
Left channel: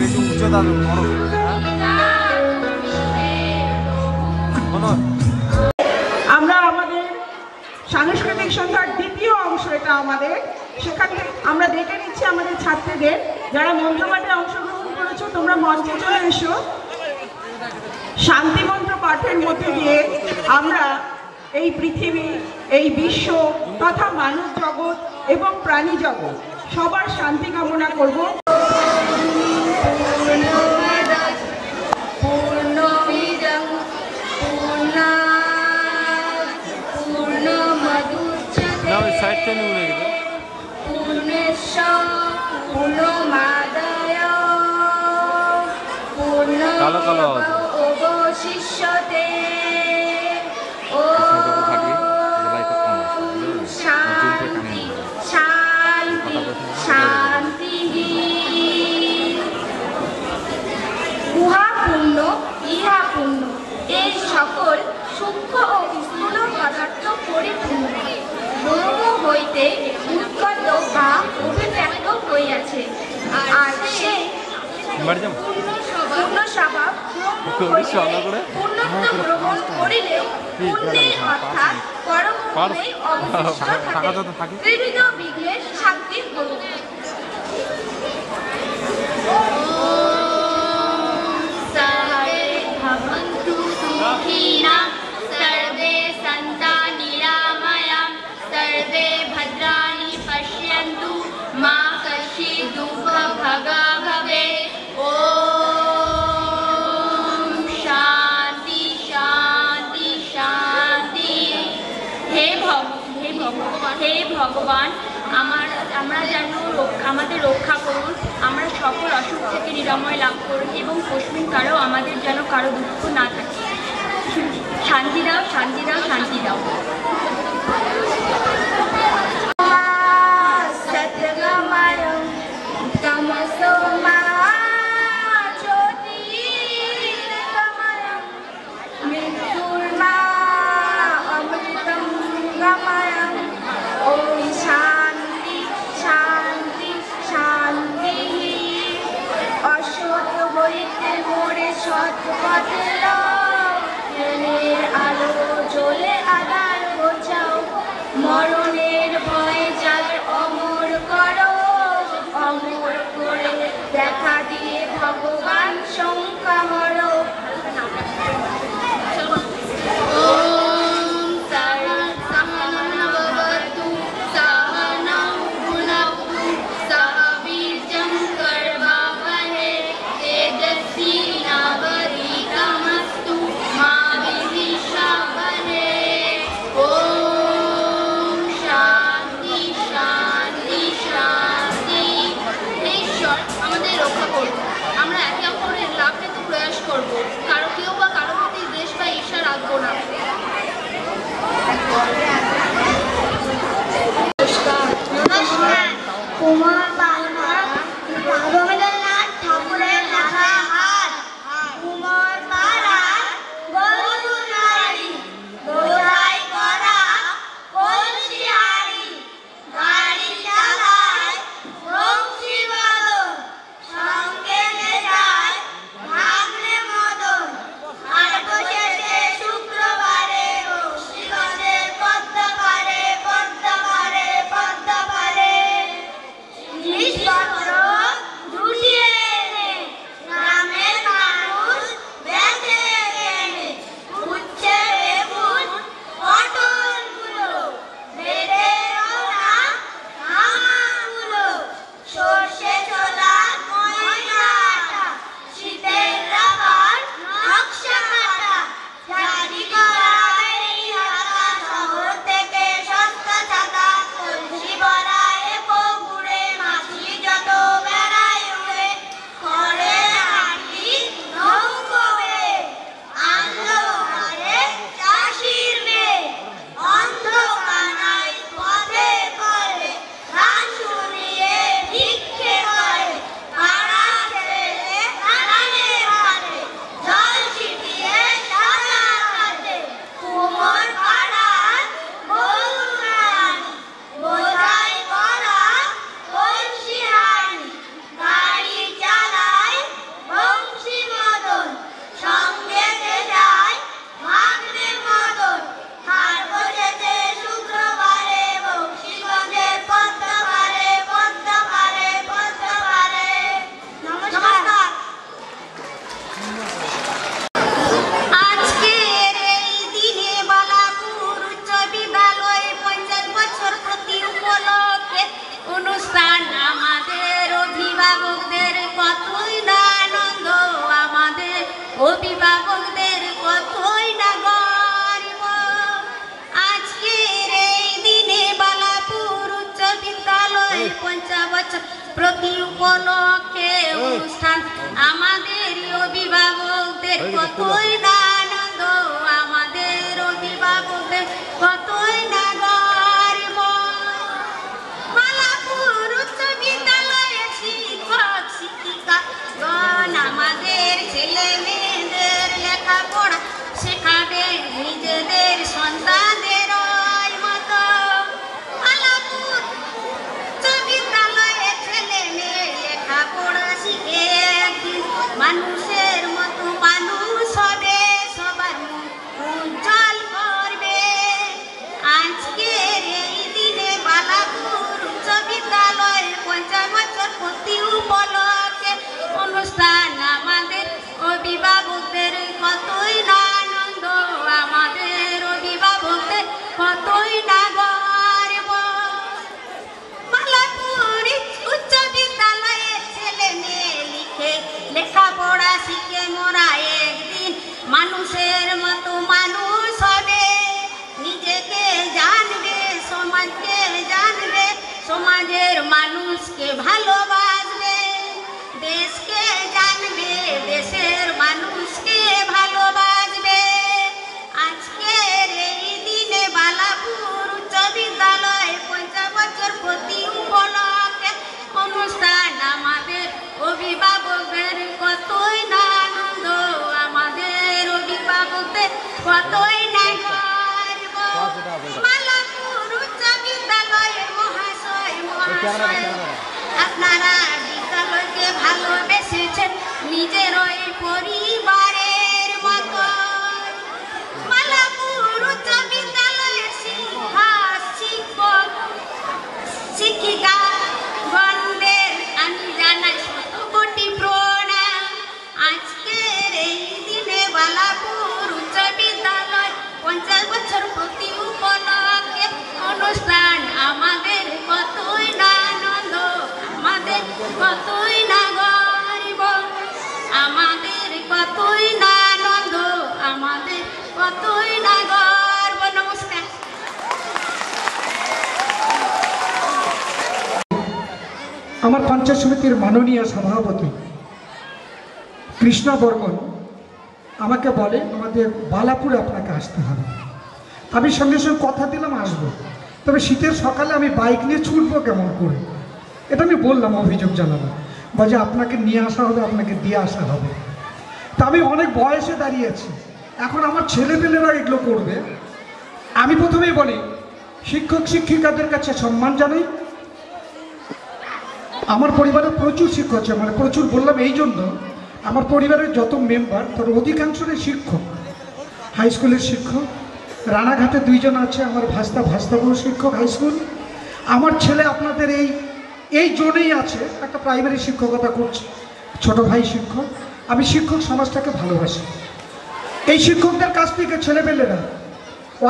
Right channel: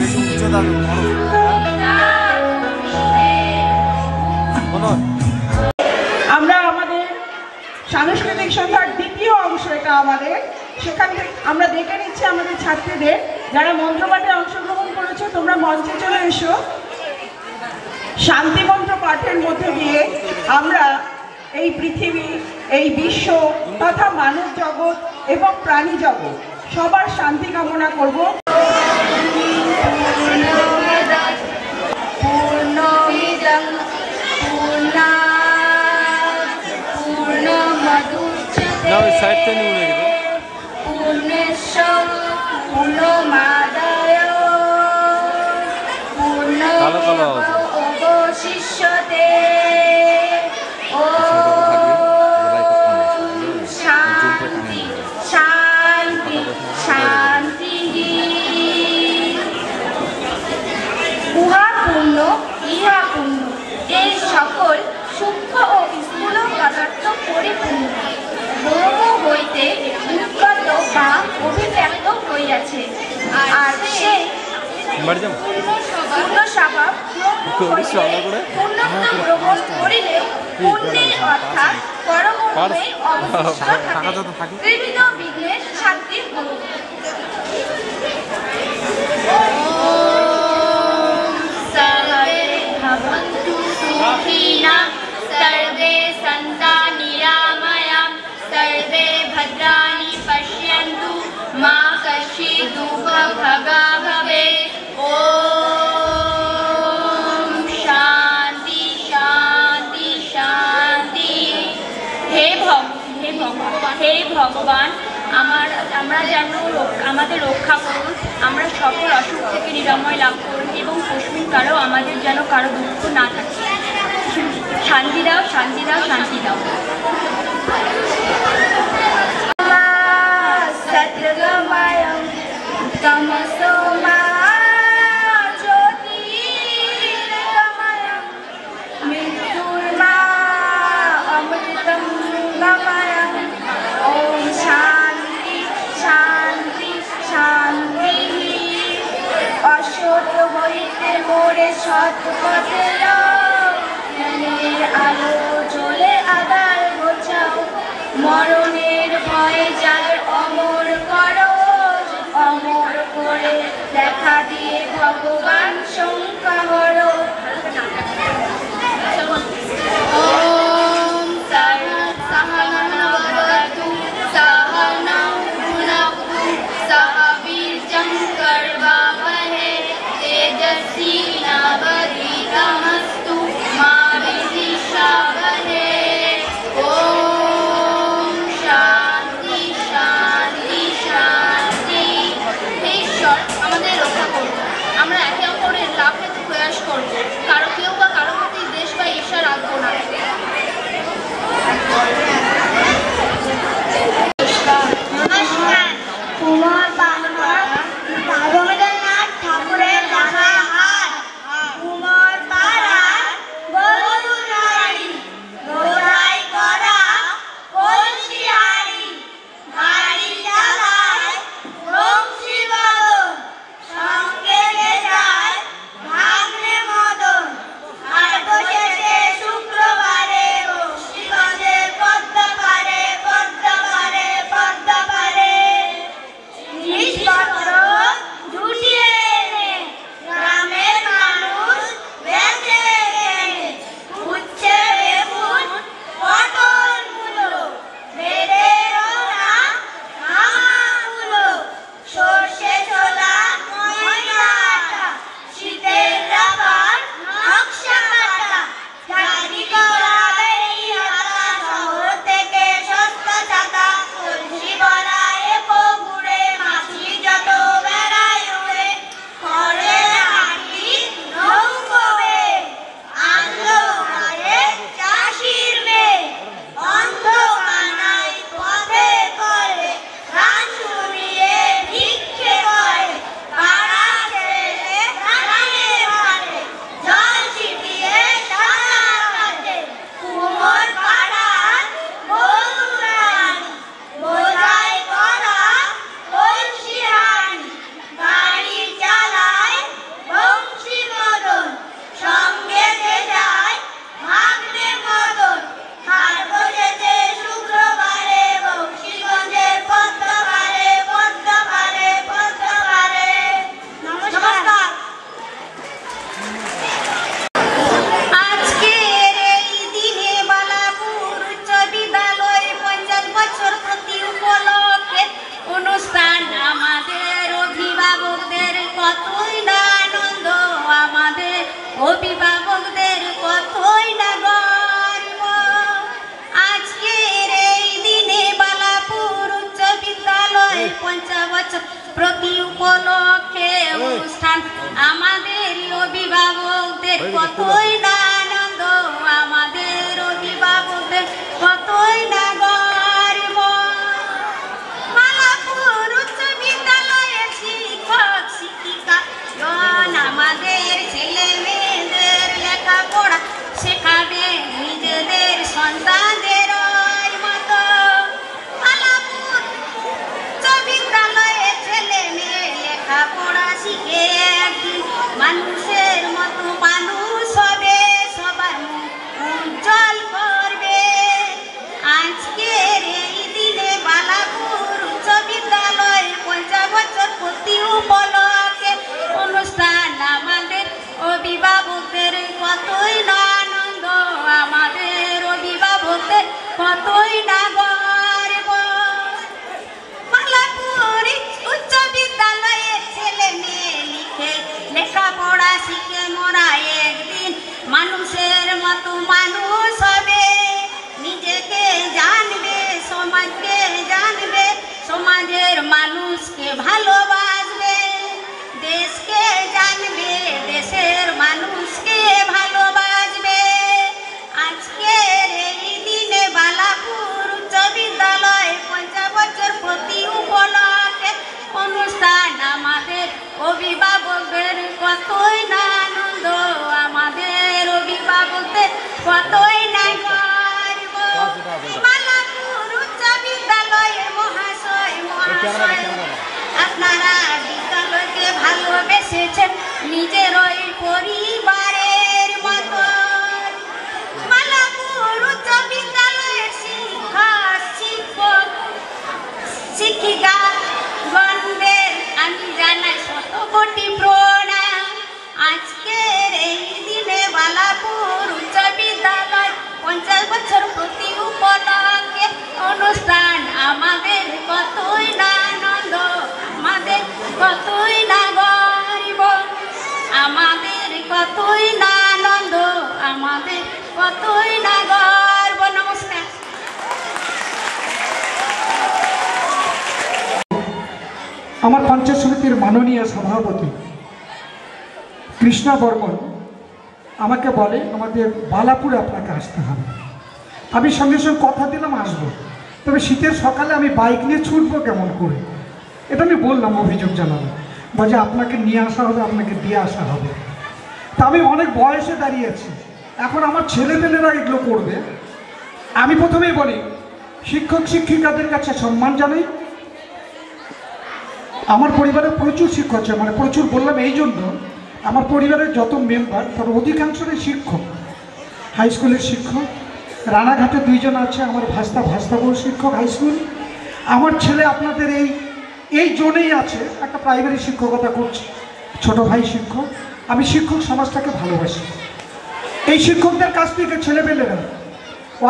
বেশি উচ্চতা আমরা আমাদের সাংস্কৃতিক সন্ধ্যার দ্বিতীয় অংশ এটা আমাদের। সেখান থেকে আমরা দেখে নিচ্ছি আমাদের ছাত্রীদের, যারা মন্ত্রপাঠে অংশগ্রহণ করেছো তোমরা মঞ্চে চলে এসো। শান্তিমন্ত্র পাঠের মধ্যে দিয়ে আমরা এই পৃথিবী, এই বিশ্ব তথা মানব জগৎ এবং প্রাণী জগৎ সবার শান্তি কামনা করব। কালো কালো উহা পূর্ণ ইহা পূর্ণ, এই সকল সূক্ষ্ম ও স্থূল পদার্থ পরিপূর্ণ ব্রহ্ম হইতে উৎপন্ন বা অভিব্যক্ত হইয়াছে। আর সেই পূর্ণ স্বভাব পূর্ণত্ব গ্রহণ করিলে পুণ্যে অর্থাৎ পরমে অবস্থা ত্রিবিধ বিঘ্নের শান্তি হইবে। सर्वे सन्ता निरामया सर्वे भद्राणि पश्यन्तु मा कश्चित् दुःखभागा भवेत्। ओम शांति शांति शांति। हे भगवान আমরা যেন আমাদের রক্ষা করুন, আমরা সকল অসুখ থেকে নিরাময় লাভ করুন এবং কখনো কারো আমাদের যেন কারো দুঃখ না থাকে। শান্তি দাও, শান্তি দাও, শান্তি দাও। মরণের ভয় যার অমর করো, অমর করে দেখা দিয়ে ভগবান শঙ্কা হরো। ওম সর্বসহনবতু সহনং ভুনক্তু সহ বীর্যং কর্বাবহৈ তেজস্বী নাবধীতমস্তু মা বিদ্বিষাবহৈ। ওম শান্তি শান্তি শান্তি। ঈশ্বর আমাদের রক্ষা করুন, আমরা একে অপরের লাভ প্রতি উপলক্ষে অনুষ্ঠান আমাদের অভিভাবকদের কতই না আনন্দ, আমাদের অভিভাবকদের কতই না গর্ব। বালাপুর উচ্চ বিদ্যালয়ের শিক্ষক শিক্ষিকা আমাদের ছেলে মেয়েদের লেখাপড়া শেখাবে নিজেদের সন্তানদের মতো। বালাপুর উচ্চ বিদ্যালয়ের ছেলে মেয়ে লেখাপড়া শিখে একদিন মানুষের মতো মানুষ হবে, সবার উজ্জ্বল করবে। আজকের এই দিনে বালাপুর উচ্চ বিদ্যালয় 50 বছর পূর্তি উপলক্ষে অনুষ্ঠান আমাদের অভিভাবকদের কতই না আনন্দ, আমাদের অভিভাবকদের কতই না গর্ব। বালাপুর উচ্চ বিদ্যালয়ের ছেলে মেয়ে লেখাপড়া শিখে মোরা একদিন মানুষের মতো মানুষ হবে, নিজেকে জানবে, সমাজকে জানবে, সমাজের মানুষকে ভালোবাসবে, দেশকে জানবে, দেশের মানুষকে ভালোবাসবে। আজকের এই দিনে বালাপুর উচ্চ বিদ্যালয় 50 বছর প্রতি উপলক্ষে অনুষ্ঠান আমাদের অভিভাবকদের কতই না আনন্দ, আমাদের অভিভাবকদের কতই না গর্ব। বালাপুর উচ্চ বিদ্যালয়ের মহাশয় আপনারা বিদ্যালয়কে ভালোবেসেছেন নিজের ওই পরিবারের মতো। বালাপুর উচ্চ বিদ্যালয়ের শিক্ষক শিক্ষক শিক্ষিকা গণদের আমি জানাই শত কোটি প্রণাম। আজকের এই দিনে বালাপুর উচ্চ বিদ্যালয় 50 বছর প্রতি উপলক্ষে অনুষ্ঠান আমাদের কতই না আনন্দ, আমাদের কতই না গর্ব, আমাদের কতই না আনন্দ, আমাদের কতই না গর্ব। নমস্কার। আমার পঞ্চায়েত সমিতির মাননীয় সভাপতি কৃষ্ণা বর্মন আমাকে বলে আমাদের বালাপুরে আপনাকে আসতে হবে। আমি সঙ্গে সঙ্গে কথা দিলাম আসবো, তবে শীতের সকালে আমি বাইক নিয়ে ছুটবো কেমন করে, এটা আমি বললাম, অভিযোগ জানালাম, বলে আপনাকে নিয়ে আসা হবে, আপনাকে দিয়ে আসা হবে। তা আমি অনেক বয়সে দাঁড়িয়েছি, এখন আমার ছেলেপেলেরা এগুলো করবে। আমি প্রথমেই বলি শিক্ষক শিক্ষিকাদের কাছে সম্মান জানাই। আমার পরিবারে প্রচুর শিক্ষক আছে, মানে প্রচুর বললাম এই জন্য আমার পরিবারের যত মেম্বার তার অধিকাংশই শিক্ষক, হাই স্কুলের শিক্ষক। রানাঘাটে 2 জন আছে আমার ভাস্তাবহ শিক্ষক হাই স্কুল। আমার ছেলে আপনাদের এই জোনেই আছে, একটা প্রাইমারি শিক্ষকতা করছে, ছোট ভাই শিক্ষক। আমি শিক্ষক সমাজটাকে ভালোবাসি। এই শিক্ষকদের কাছ থেকে ছেলেপেলেরা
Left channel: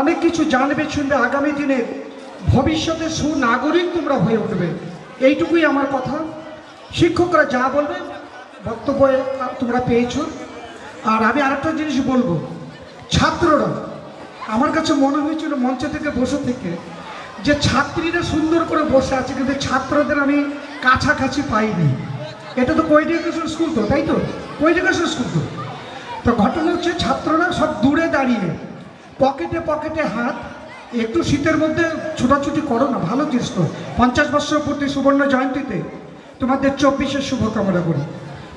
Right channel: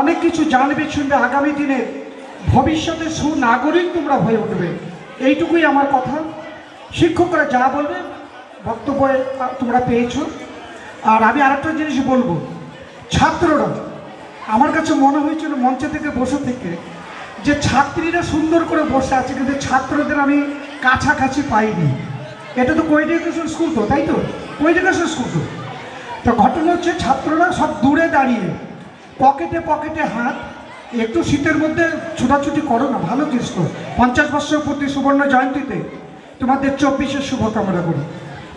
অনেক কিছু জানবে, শুনবে, আগামী দিনে ভবিষ্যতে সুনাগরিক তোমরা হয়ে উঠবে, এইটুকুই আমার কথা। শিক্ষকরা যা বলবে বক্তব্যে তোমরা পেয়েছ। আর আমি আরেকটা জিনিস বলবো, ছাত্ররা, আমার কাছে মনে হয়েছিল মঞ্চে থেকে বসে থেকে যে ছাত্রীরা সুন্দর করে বসে আছে, কিন্তু ছাত্রদের আমি কাছাকাছি পাইনি। এটা তো কোএডুকেশন স্কুল তো, তাই তো? কোএডুকেশন স্কুল তো ঘটনা হচ্ছে ছাত্ররা সব দূরে দাঁড়িয়ে পকেটে পকেটে হাত, একটু শীতের মধ্যে ছোটাছুটি করো না, ভালো জিনিস তো। 50 বছর প্রতি সুবর্ণ জয়ন্তীতে তোমাদের 24-এর শুভকামনা করি।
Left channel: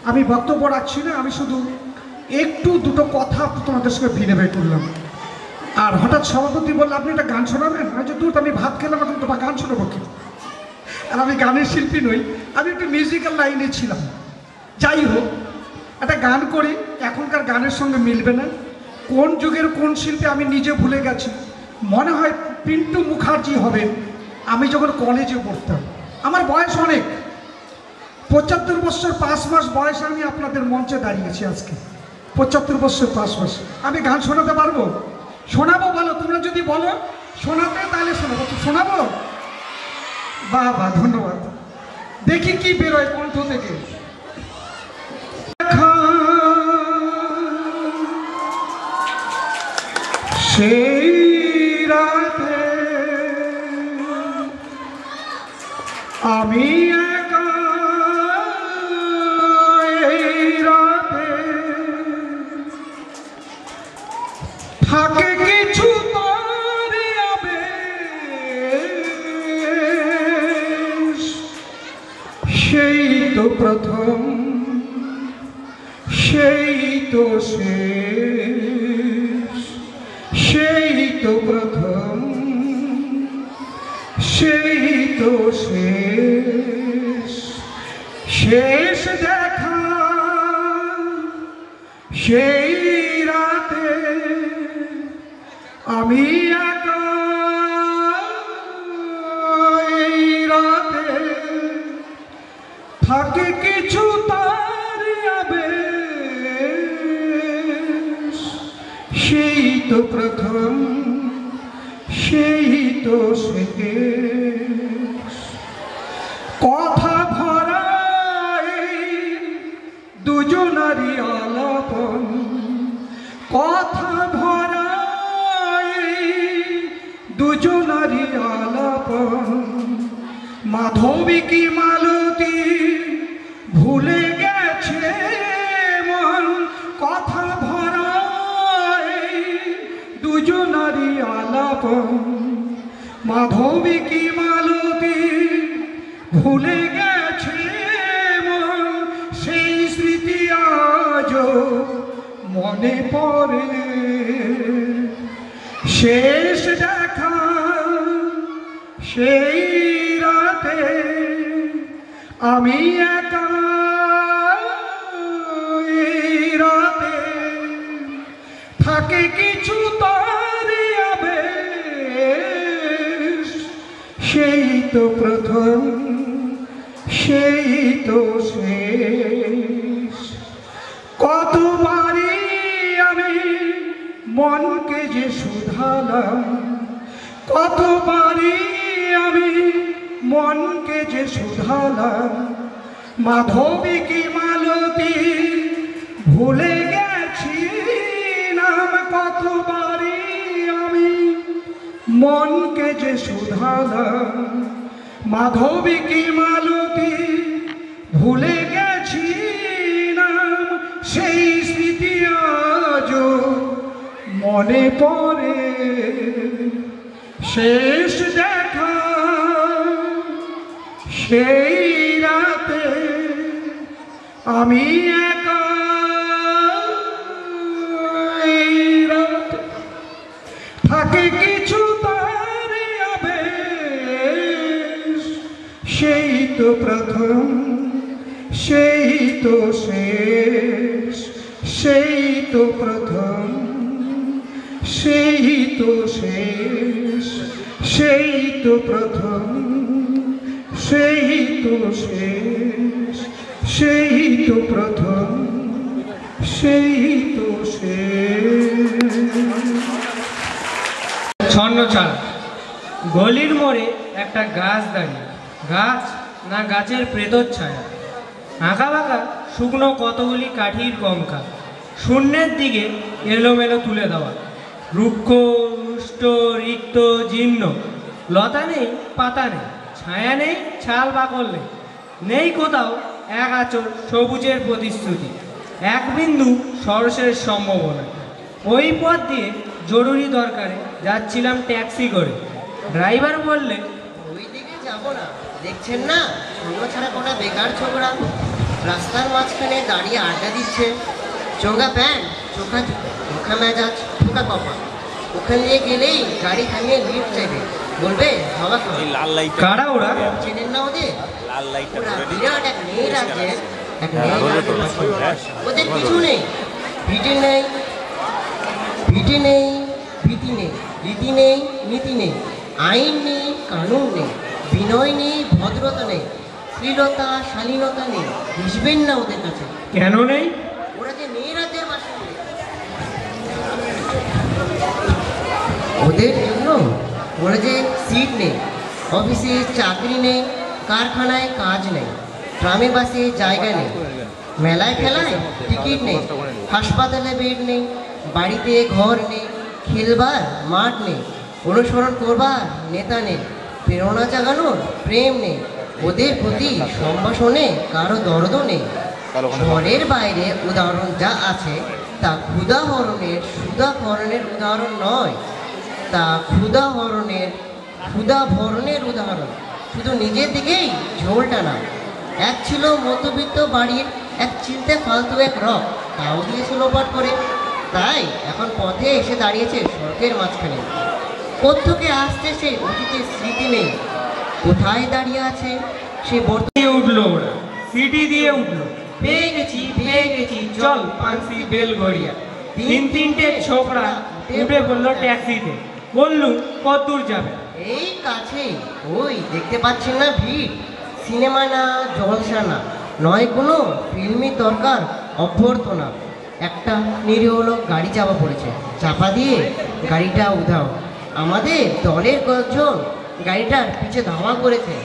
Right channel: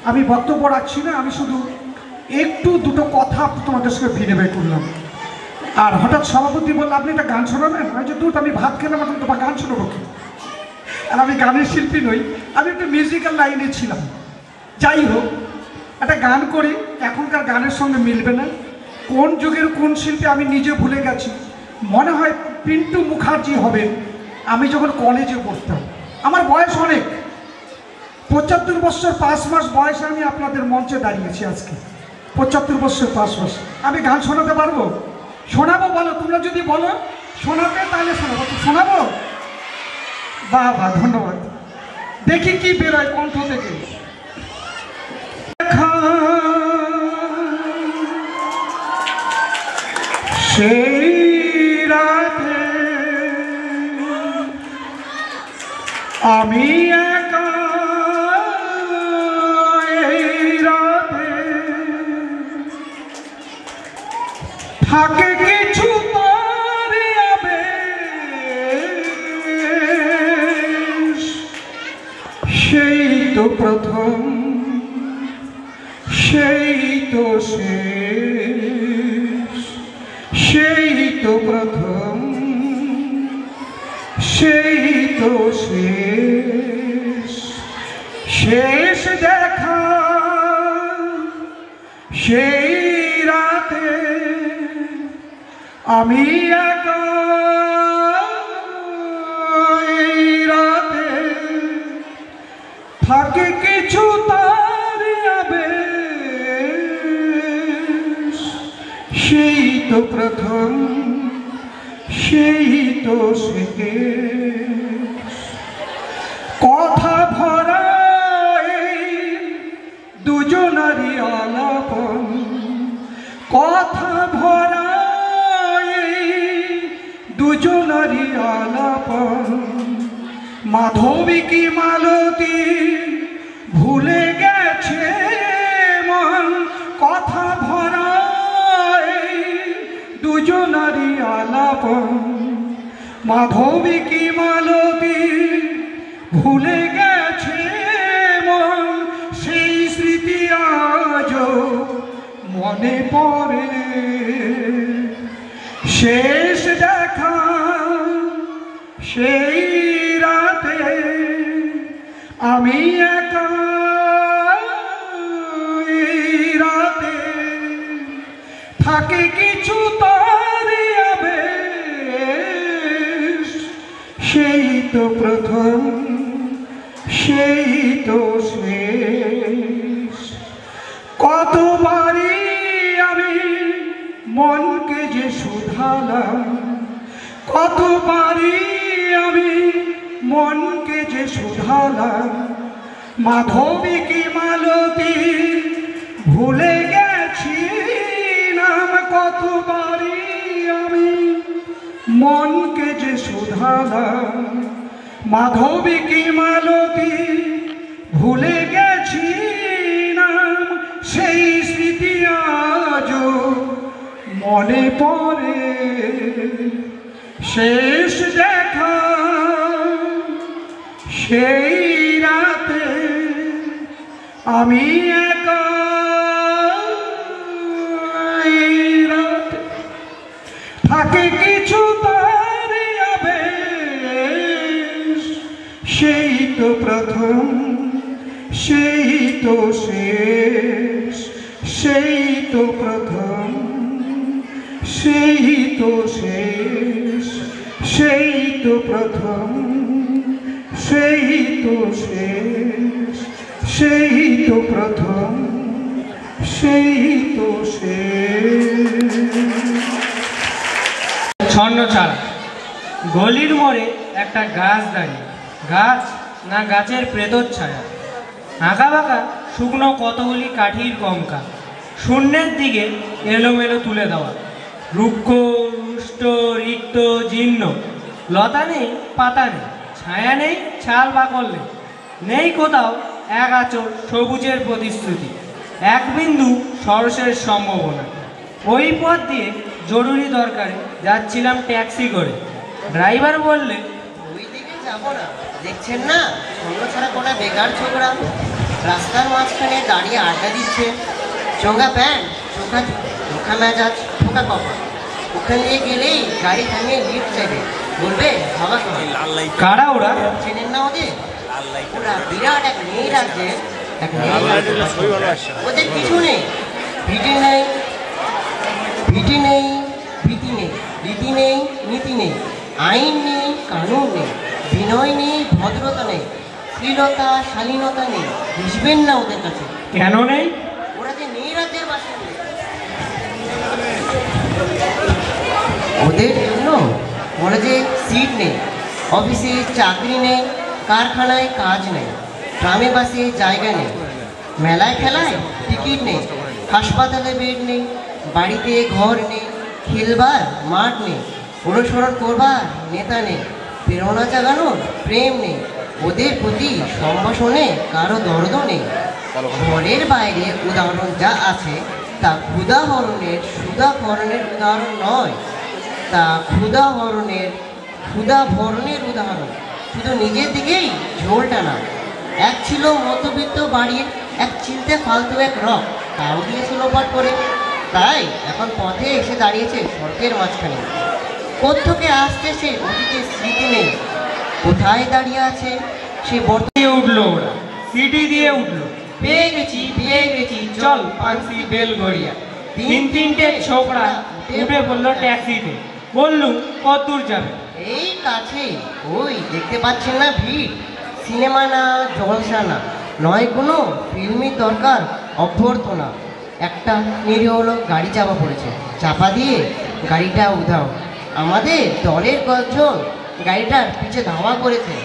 আমি বক্তব্য রাখছি না, আমি শুধু একটু দুটো কথা তোমাদের সঙ্গে বিনিময় করলাম। আর হঠাৎ সভাপতি বললো আপনি একটা গান শোনাবেন, আমি ভাত খেলাম, এখন তোমার গান শোনাবো কি? আর আমি গানের শিল্পী নই, আমি একটু মিউজিক্যাল লাইনে ছিলাম। যাই হোক, একটা গান করি, এখনকার গানের সঙ্গে মিলবে না, কোন যুগের কোন শিল্পী আমি নিজে ভুলে গেছি। মনে হয় পিন্টু মুখার্জি হবে। আমি যখন কলেজে পড়তাম, আমার বয়স অনেক, 75 বছর 5 মাস বয়সে আমি আপনাদের মঞ্চে দাঁড়িয়েছি আজকে। 75 বছর 5 মাস। আমি গান শোনাতে পারবো? শোনাবো? বলো, তোমরা যদি বলো শোনাতে তাহলে শোনাবো। শোনাবো? বাহ বাহ, ধন্যবাদ। দেখি কি বেরোয় কণ্ঠ থেকে। সেই রাতে আমি একা প্রথম সেই তো শেষ, সেই তো প্রথম সেই তো শেষ, শেষ দেখা সেই রাতে আমি একা, এই রাতে থাকে কিছু তার আবেশ, সেই তো প্রথম সেই তো শেষ, কথা ভরা এই দুজনারই আলাপন, কথা ভরা এই দুজনারই আলাপন, মাধবী কি মালতী ভুলে গেছে মন, কথা ভরা এই দুজনারই আলাপন, মাধবী কি মালতী ভুলে গেছে মন, সেই স্মৃতি আজও মনে পড়ে, শেষ দেখা সেই রাতে আমি একা, এই রাতে থাকে কিছু তার আবেশ, সেই তো প্রথম সেই তো শেষ, কতবারই আমি মনকে যে শুধালাম, কতবারই আমি মনকে যে শুধালাম, মাধবী কি মালতী ভুলে গেছি নাম, কতবারই আমি মনকে যে শুধালাম, মাধবী কি মালতী ভুলে গেছি নাম, সেই স্মৃতি আজও মনে পড়ে, শেষ দেখা সেই রাতে আমি একা, এই রাতে থাকে কিছু তার আবেশ, সেই তো প্রথম সেই তো শেষ, সেই তো প্রথম সেই তো শেষ, সেই তো প্রথম সেই তো শেষ, সেই তো প্রথম সেই তো শেষ। ছন্নছাড়। গলির মোড়ে একটা গাছ দাঁড়িয়ে, গাছ না গাছের প্রেতচ্ছায়া, আঁকা বাঁকা শুকনো কতগুলি কাঠির কঙ্কা, শূন্যের দিকে এলোমেলো তুলে দেওয়া, রুক্ষ রুষ্ট রিক্ত জীর্ণ, লতা নেই পাতা নেই, ছায়া নেই ছাল বাকল নেই, নেই কোথাও এক আঁচল সবুজের প্রতিশ্রুতি, এক বিন্দু সরসের সম্ভাবনা। ওই পথ দিয়ে জরুরি দরকারে যাচ্ছিলাম ট্যাক্সি করে, ড্রাইভার বললে ওইদিকে যাবো না, দেখছেন না কোনো ছাড়া কোনো বেকার ছোকরা রাস্তার মাঝখানে দাঁড়িয়ে আড্ডা দিচ্ছে, চোঙ্গা প্যান্ট চোখা চোখা মেজাজ ঠোকা কপা, ওখানে নিয়ে গেলেই গাড়ি থামিয়ে লিফট নেবে, বলবে বাবা কারা ওরা চেনেন না ওদের, ওরা বিরাট এক মেয়ে রাখছে, এক মেয়ে ওদের পিছনে ভিটি নেই ভিটি নেই ভীতি নেই, রীতি নেই নীতি নেই, আইন নেই কানুন নেই, বিনয় নেই ভদ্রতা নেই, শ্লীলতা শালীনতা নেই, বুঝবেন না ওদের কাছে। কেন নেই? ওরা যে নেই রাতের বাসা, ওদের জন্য ওরা যে সিট নেই, অফিসে চাকরি নেই, কারখানায় কাজ নেই, ট্রামে বাসে জায়গা নেই, মেলায় খেলায় টিকিট নেই, হাসপাতালে বেড নেই, বাড়িতে ঘর নেই, খেলবার মাঠ নেই, অনুসরণ করবার নেতা নেই, প্রেরণা জাগানোর প্রেম নেই, ওদের প্রতি সম্ভাষণে কারো দরদ নেই। ঘরের বাইরে উদাহরণ যা আছে তা ক্ষুধাহরণের সুধাকরণের উদাহরণ নয়, তা ক্ষুধাহরণের ক্ষুধাভরণের উদাহরণ, শুধু নিজের দিকেই ঝোল টানা, এক ছিল মধ্যবিত্ত বাড়ির এক চিন্তা ফালতু এক রক, তাও দিয়েছে লোপাট করে। তাই এখন পথে এসে দাঁড়িয়েছে সড়কের মাঝখানে। কোত্থেকে আসছে সেই অতীতের স্মৃতি নেই, কোথায় দাঁড়িয়ে আছে সে দিয়ে উঠলো, সিটি দিয়ে উঠলো, পেয়ে গেছি চল পান্সি বেলঘরিয়া। তিনটে ছোকরা উঠে পড়লো ট্যাক্সিতে, বললু কত দূর যাবে? এই কাছেই, ওই দেখতে পাচ্ছেন না ভিড়। সিনেমা না, জলসা না, নয় কোনো ফিল্মের দরকার, অভ্যর্থনা। একটা নিরীহ লোক গাড়ি চাপা পড়েছে, চাপা দিয়ে গাড়িটা উধাও। আমাদের দলের কয়েকজন গাড়িটার পিছে ধাওয়া করেছে,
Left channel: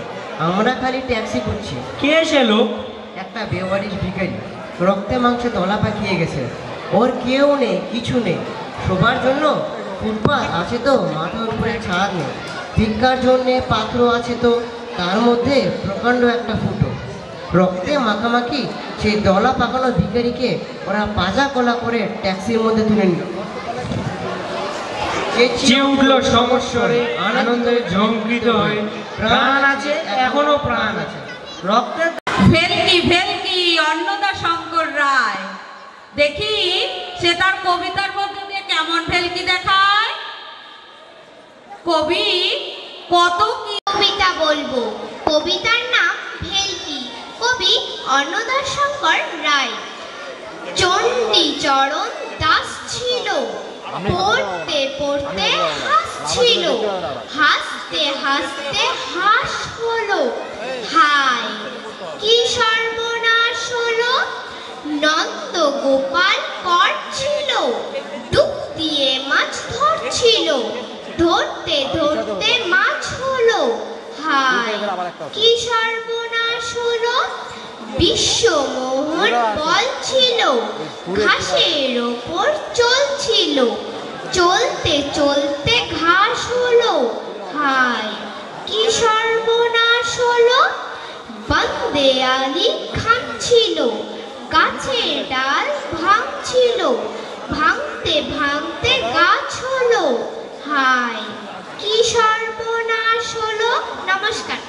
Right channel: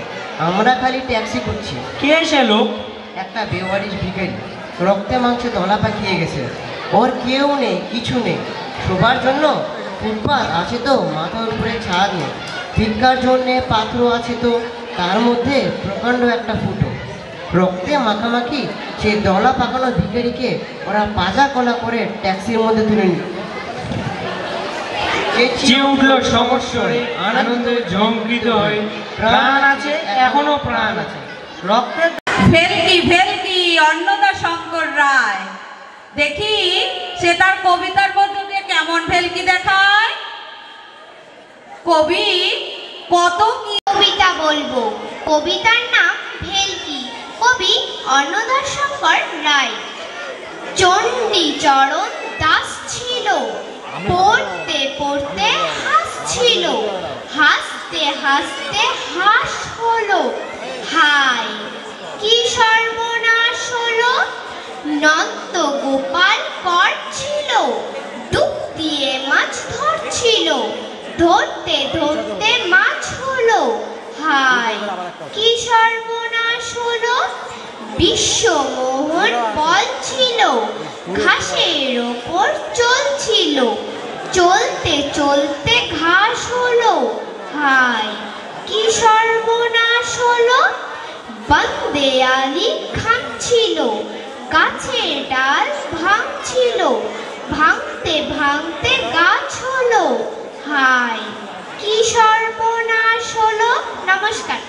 আমরা খালি ট্যাক্সি করছি। কে সে লোক? একটা বেওয়ারিশ ভিখারি, রক্তে মাংসে দলা পাকিয়ে গেছে। ওর কেউ নেই, কিছু নেই, শোবার জন্য ফুটপাত আছে তো মাথার উপরে ছাদ নেই, ভিক্ষার জন্যে পাত্র আছে তো তার মধ্যে প্রকাণ্ড একটা ফুটো। রক্তে মাখামাখি সেই দলা পাকানো ভিখারিকে ওরা পাজা কলা করে ট্যাক্সির মধ্যে তুলে নিল। চেয়ে উঠলো সমস্যরে, আনন্দে ঝঙ্কৃত হয়ে, প্রাণ আছে, এখনো প্রাণ আছে। রক্তে ভেলকি অন্নদা শঙ্কর রায়, দেখি সে তার কবিতার মধ্যে দিয়ে কেমন ভেলকি দেখায়। কবি কত কি কবিতা বলবো, কবিতার নাম ভেলকি, কবি অন্নদা শঙ্কর রায়। চণ্ডী চরণ দাস ছিল, পড়তে পড়তে হাসছিল, হাসতে হাসতে হাস হলো, হায় কি সর্বনাশ হলো। নন্দ গোপাল কর ছিল, ডুব দিয়ে মাছ ধরছিল, ধরতে ধরতে মাছ হলো, হায় কি সর্বনাশ হলো। বিশ্বমোহন বল ছিল, ঘাসের ওপর চলছিল, চলতে চলতে ঘাস হলো, হায় কি সর্বনাশ হলো। বন্দে আলী খাচ্ছিল, গাছের ডাল ভাঙছিল, ভাঙতে ভাঙতে গাছ হলো, হায় কি সর্বনাশ হলো। নমস্কার।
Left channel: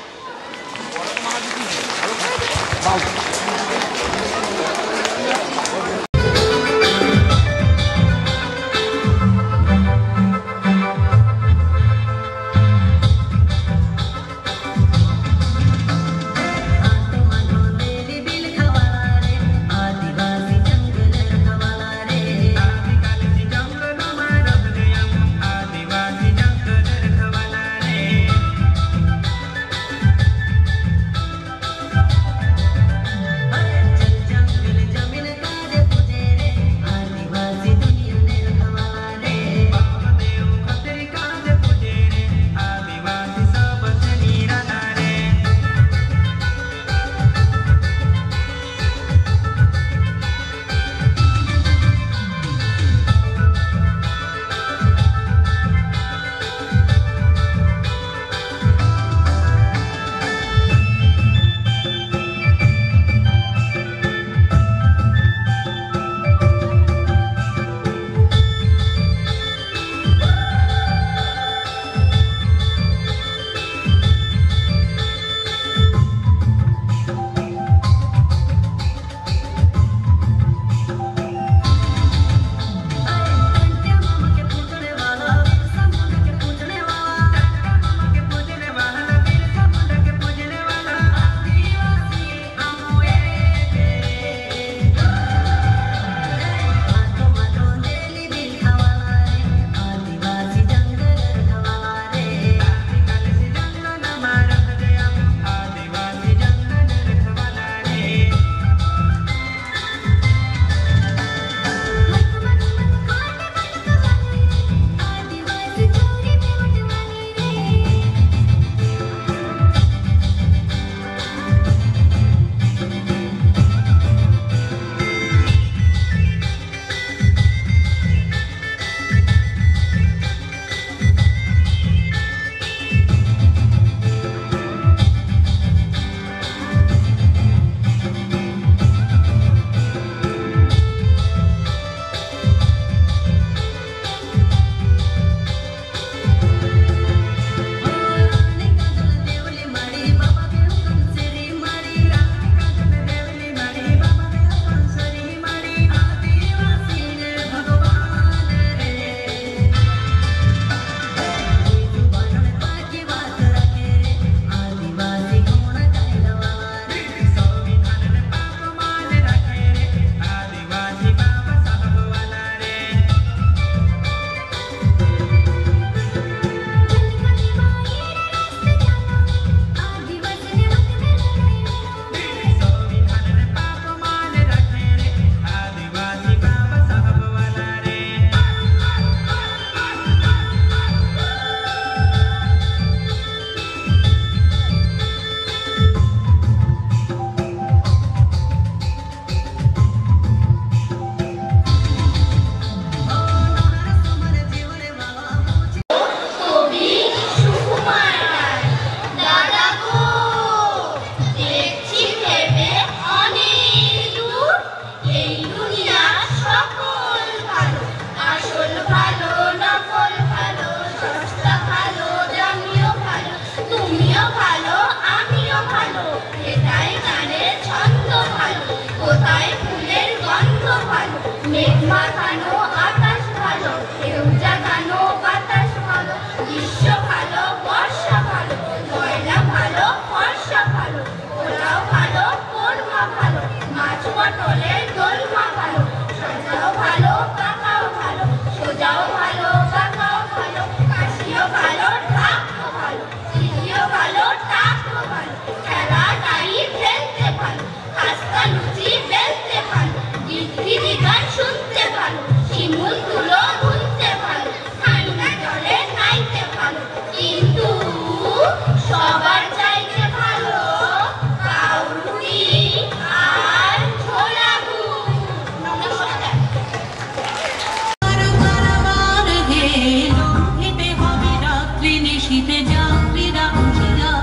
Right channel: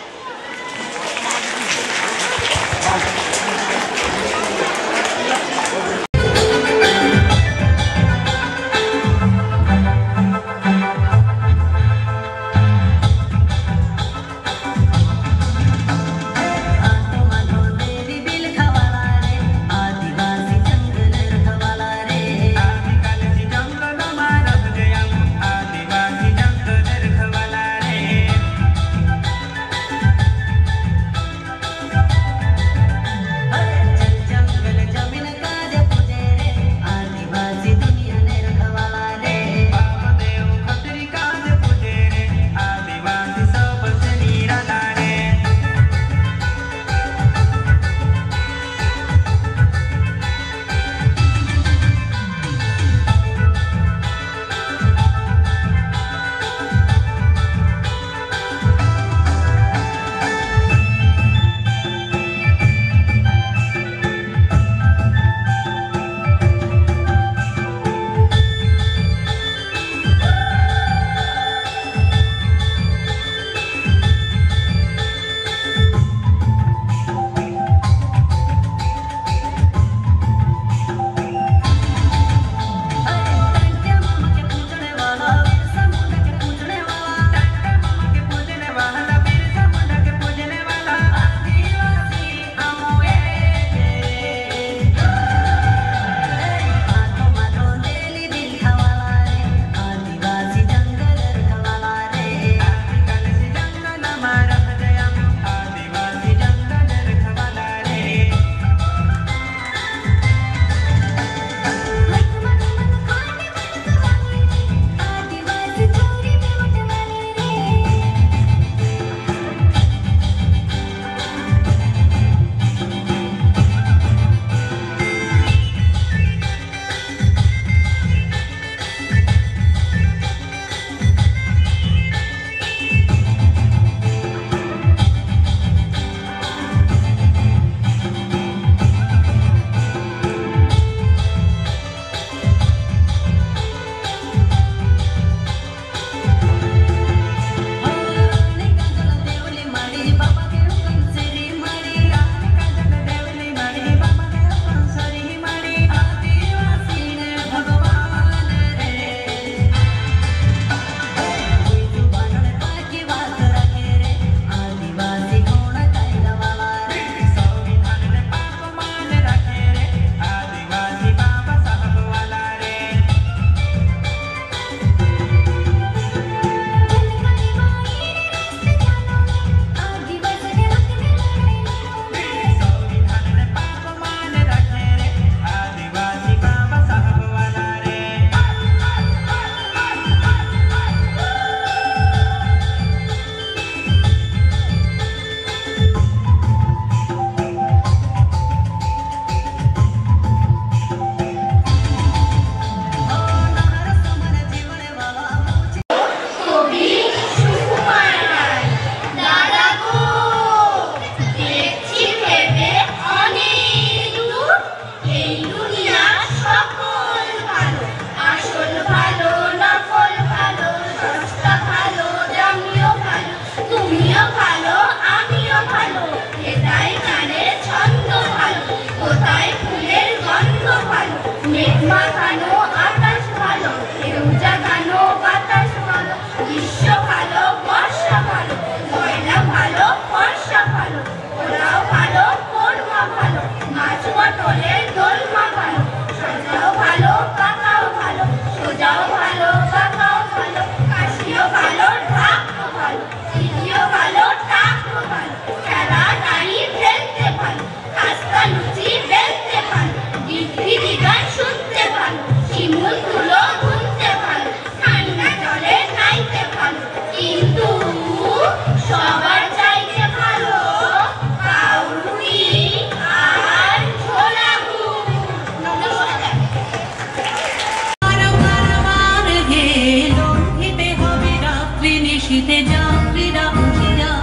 যাত্রীরা হুঁশিয়ার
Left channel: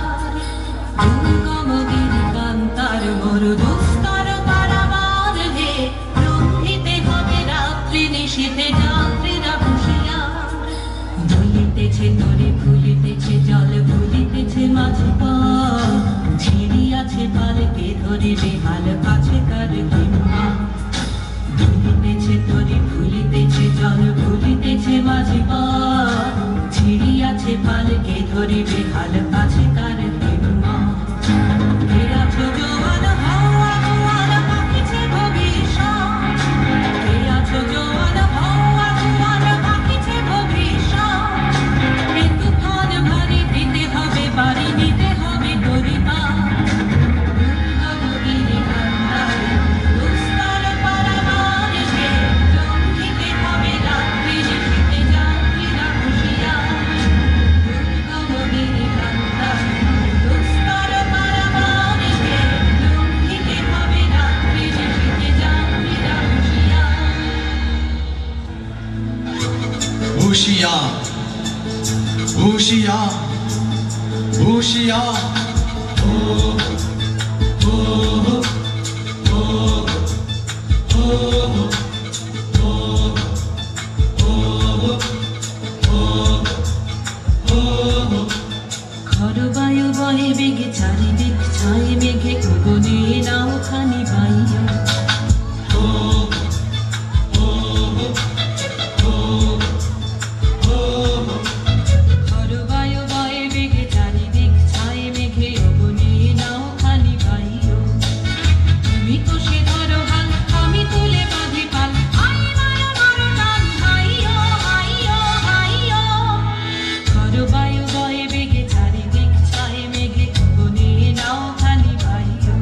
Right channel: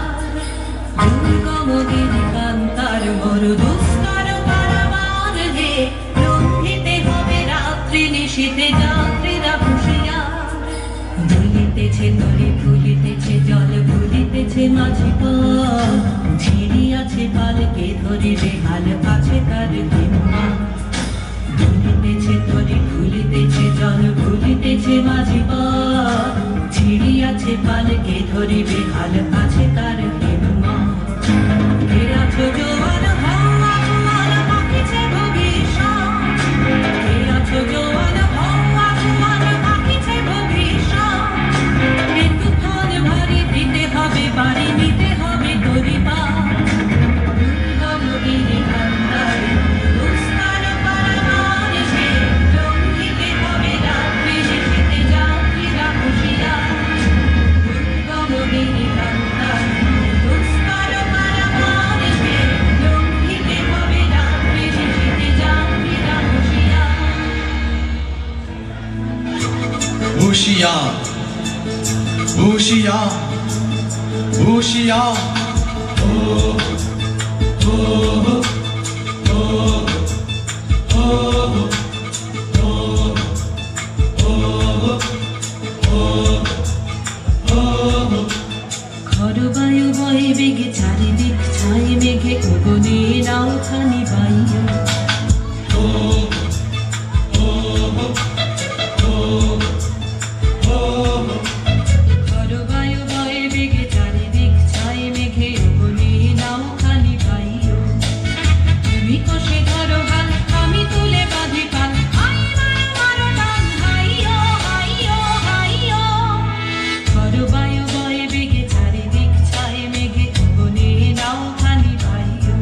দুর্গম দিন কান্তার বড় দুষ্কর পারাবার হে লঙ্ঘিতে হবে রাত্রি নিশীথে যাত্রীরা হুঁশিয়ার জ্বলিতেছে তরি ফুলিতেছে জল ফুলিতেছে মাঝি পথ ছিড়িয়াছে পালকে ধরিবে হাল কাছে তার দিনমা জ্বলিতেছে তরি ফুলিতেছে জল ফুলিতেছে মাঝি পথ ছিড়িয়াছে পালকে ধরিবে হাল কাছে তার দিনমা এরা ছোজোয়ান হওয়া কুয়ার পাখিছে ভবিষ্যৎ এরা ছোজোয়ান হওয়া কুয়ার পাখিছে ভবিষ্যৎ মৃত্যুক্ষণ ভারী দিতে হবে বাড়ি নিতে হবে গরিবা গমগিরে কান্দার দুষ্কর পারাবার সে লঙ্ঘিতে হবে রাত্রি নিশীথে যাত্রীরা হুঁশিয়ার গমগিরে কান্দার দুষ্কর পারাবার সে লঙ্ঘিতে হবে রাত্রি নিশীথে যাত্রীরা হুঁশিয়ার হুঁশিয়ার হুঁশিয়ার হুঁশিয়ার খর বায়ু বয়ে বেগে চারিদিক ছাই মেঘে গগনে নাও খানি বাইয় খর বায়ু বয়ে বেগে চারিদিক ছাই মেঘে গগনে নাও খানি বাইয় তুমি কষে ধরো হাল আমি তুলে বাঁধি পাল আই মারো মারো টান হাইয় হাইয় হাইয় খর বায়ু বয়ে বেগে চারিদিক ছাই মেঘে গগনে নাও খানি বাইয়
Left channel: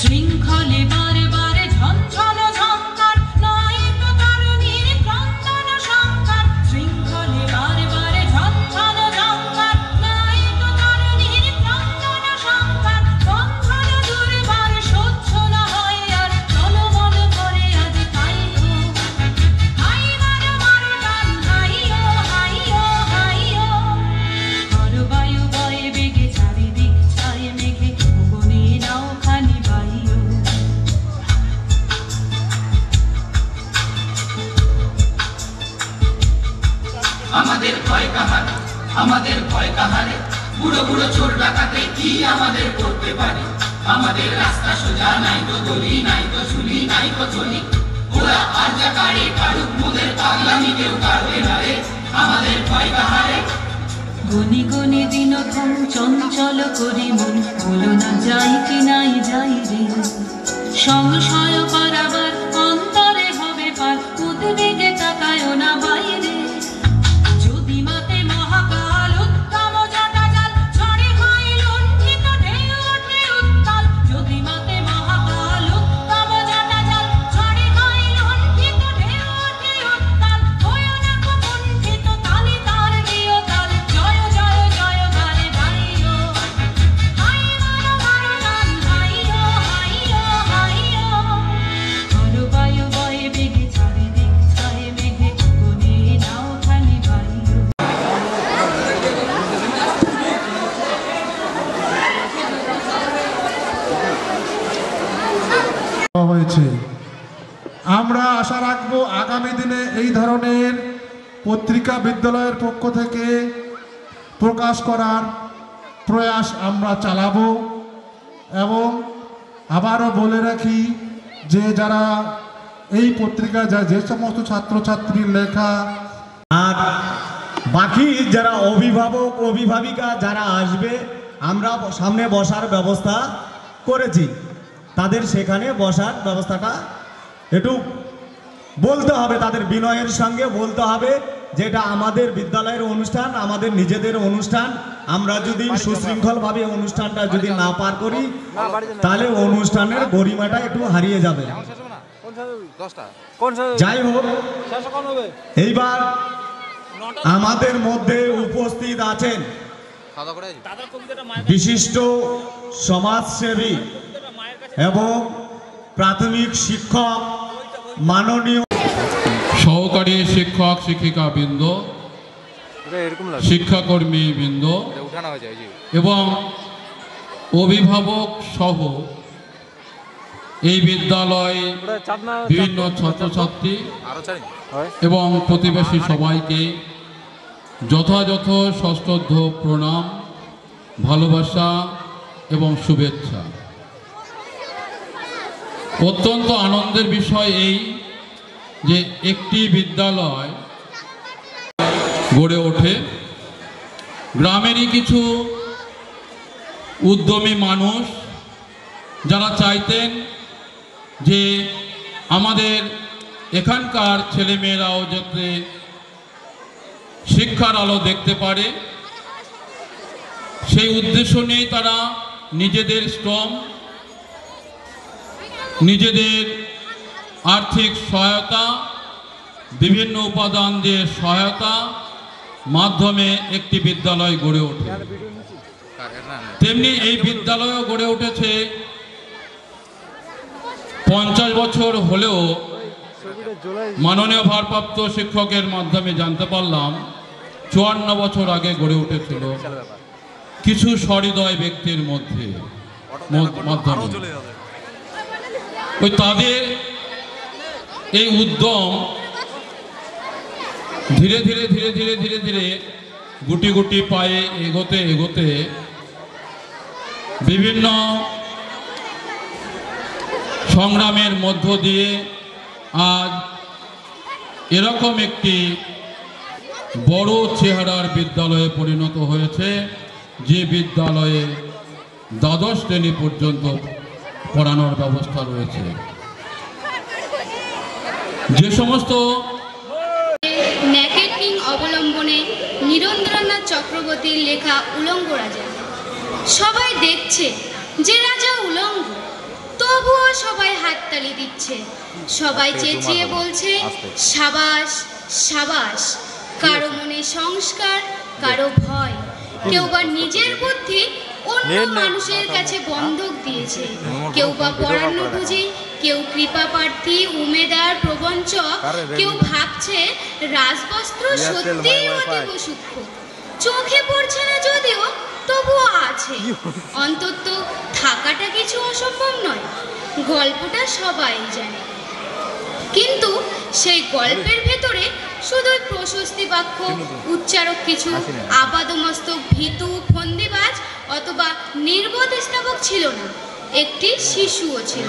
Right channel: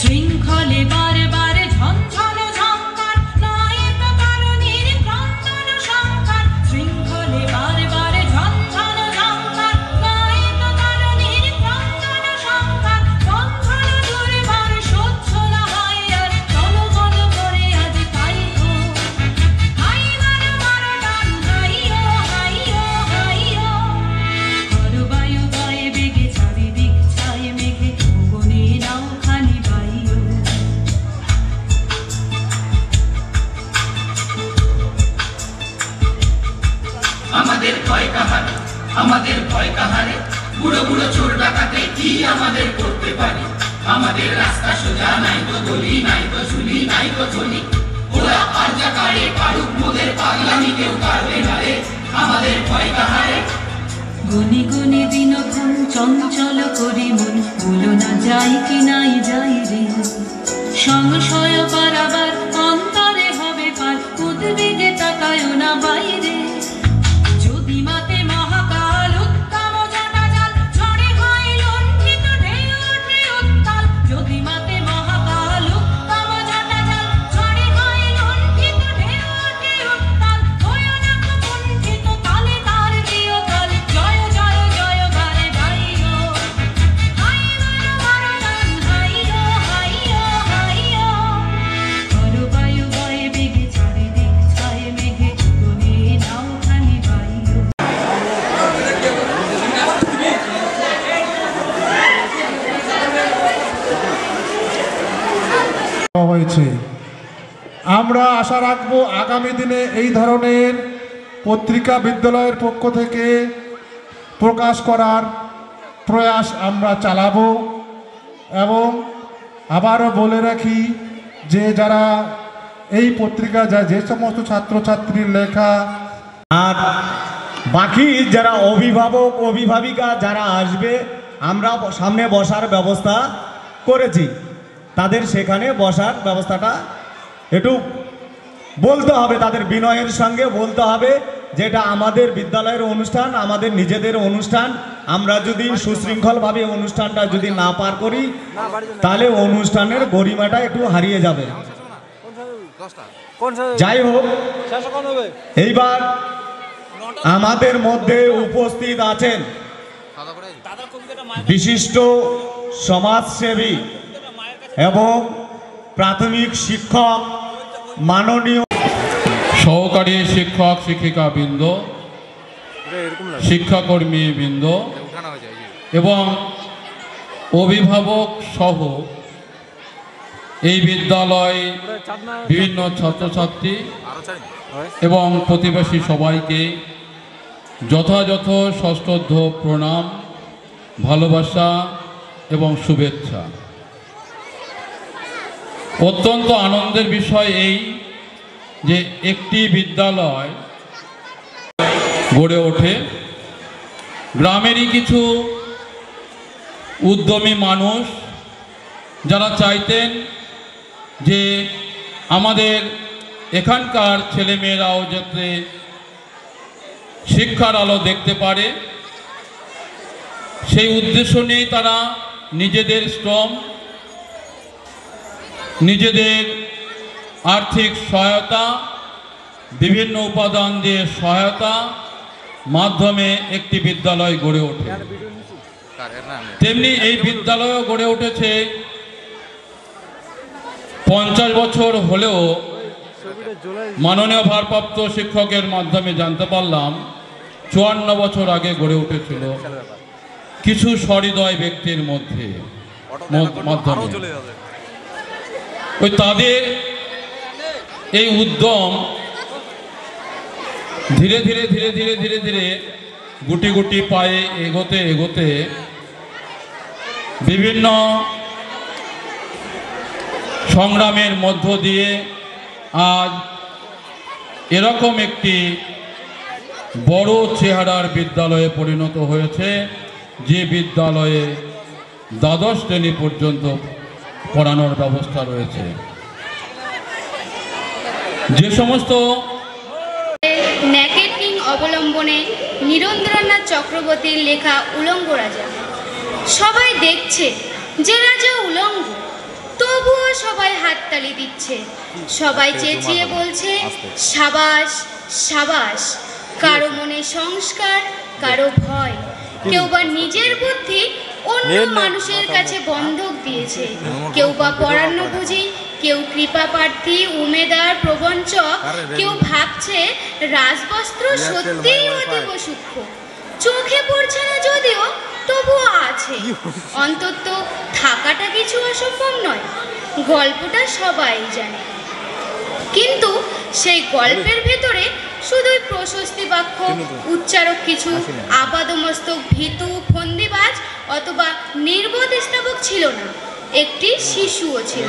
শৃঙ্খলে বারে বারে ঝঞ্ঝাল ঝঙ্কার নায়েক কারণের ক্রন্দন সংকার শৃঙ্খলে বারে বারে ঝঞ্ঝাল ঝঙ্কার নায়েক কারণের ক্রন্দন সংকার বন্ধন দুর্বার সহ্য না হয় আর চলো বলো করে আজ তাই গো হাই মারো মারো টান হাইয়ো হাইয়ো হাইয়ো খর বায়ু বয়ে বেগে চারিদিক ছাই মেঘে গগনে নাও খানি বাইয় আমাদের ভয় কাহারে আমাদের ভয় কাহারে বুড়ো বুড়ো চোর ডাকাতে কি আমাদের করতে পারে আমাদের রাস্তা সোজা নাই তো গলি নাই তো ঝুলি নাই তো চলি ওরা আর যা কারে কারুক মোদের পাগলামি কেউ পারবে না রে আমাদের ভয় কাহারে গনি গনি দিনক্ষণ চঞ্চল করি মন বলো না যাই কি নাই যাই রে সংশয় পারাবার অন্তরে হবে পার উদ্বেগে তাকায় না বাইরে যদি মাতে মহাকাল উত্তম জাটা জাল ঝড়ে হয় লঙ্ঘিত ঢেউ ওঠে উত্তাল যদি মাতে মহাকাল উত্তম জাটা জাল ঝড়ে হয় লঙ্ঘিত ঢেউ ওঠে উত্তাল হয় না কুণ্ঠিত তালে তার দিও তাল জয় জয় জয় বারে গাইও হাই মারো মারো টান হাইয়ো হাইয়ো হাইয়ো খর বায়ু বয়ে বেগে চারিদিক ছাই মেঘে গগনে নাও খানি বাইয় হয়েছে আমরা আশা রাখবো আগামী দিনে এই ধরনের পত্রিকা বিদ্যালয়ের পক্ষ থেকে প্রকাশ করার প্রয়াস আমরা চালাবো এবং আবারও বলে রাখি যে যারা এই পত্রিকা যে সমস্ত ছাত্রছাত্রীর লেখা আর বাকি যারা অভিভাবক অভিভাবিকা যারা আসবে আমরা সামনে বসার ব্যবস্থা করেছি তাদের সেখানে বসার ব্যবস্থাটা একটু বলতে হবে তাদের বিনয়ের সঙ্গে বলতে হবে যেটা আমাদের বিদ্যালয়ের অনুষ্ঠান আমাদের নিজেদের অনুষ্ঠান আমরা যদি সুশৃঙ্খলভাবে অনুষ্ঠানটা যদি না পার করি তাহলে অনুষ্ঠানের গরিমাটা একটু হারিয়ে যাবে যাই হোক এইবার আমাদের মধ্যে উপস্থিত আছেন বিশিষ্ট সমাজসেবী এবং প্রাথমিক শিক্ষক মাননীয় সহকারী শিক্ষক শিক্ষিকা বৃন্দ, শিক্ষাকর্মী বৃন্দ এবং অভিভাবক সহ এই বিদ্যালয় বিভিন্ন ছাত্রছাত্রী এবং প্রতিবেশী সবাইকে যথাযথ সশ্রদ্ধ প্রণাম, ভালোবাসা এবং শুভেচ্ছা। অত্যন্ত আনন্দের বিষয় এই যে একটি বিদ্যালয় গড়ে ওঠে, গ্রামেরই কিছু উদ্যমী মানুষ যারা চাইতেন যে আমাদের এখানকার ছেলেমেয়েরাও যাতে শিক্ষার আলো দেখতে পারে, সেই উদ্দেশ্য নিয়েই তারা নিজেদের শ্রম, নিজেদের আর্থিক সহায়তা, বিভিন্ন উপাদান দিয়ে সহায়তা মাধ্যমে একটি বিদ্যালয় গড়ে ওঠে। তেমনি এই বিদ্যালয়ও গড়ে উঠেছে 50 বছর হলেও মাননীয় ভারপ্রাপ্ত শিক্ষকের মাধ্যমে জানতে পারলাম 54 বছর আগে গড়ে উঠেছিল কিছু সহৃদয় ব্যক্তির মাধ্যমে। ওই তাদের এই উদ্যম ধীরে ধীরে ধীরে ধীরে ধীরে ধীরে গুটি গুটি পায়ে এগোতে এগোতে বিভিন্ন সংগ্রামের মধ্য দিয়ে আজ এরকম একটি বড় চেহারার বিদ্যালয়ে পরিণত হয়েছে, যে বিদ্যালয়ে দ্বাদশ শ্রেণী পর্যন্ত পড়ানোর ব্যবস্থা রয়েছে। যে সমস্ত ন্যাকের কিং অবলম্বনে নীরেন্দ্রনাথ চক্রবর্তীর লেখা উলঙ্গ রাজা। সবাই দেখছে যে রাজা উলঙ্গ, তবুও সবাই হাততালি দিচ্ছে, সবাই চেঁচিয়ে বলছে সাবাস সাবাস। কারো মনে সংস্কার, কারো ভয়, কেউ বা নিজের বুদ্ধি অন্য মানুষের কাছে বন্ধক দিয়েছে, কেউ বা পরান্নভোজী, কেউ কৃপা প্রার্থী, উমেদার, প্রবঞ্চক, কেউ ভাবছে রাজবস্ত্র সত্যিই অতীব সূক্ষ্ম, চোখে পড়ছে না যদিও তবুও আছে। অন্তত থাকাটা কিছু অসম্ভব নয়, গল্পটা সবাই জানে। কিন্তু সেই গল্পের ভেতরে শুধু প্রশস্তি বাক্য উচ্চারক কিছু আপাদমস্তক ভীতু ফন্দিবাজ অথবা নির্বোধ স্থাপক ছিল না, একটি শিশুও ছিল,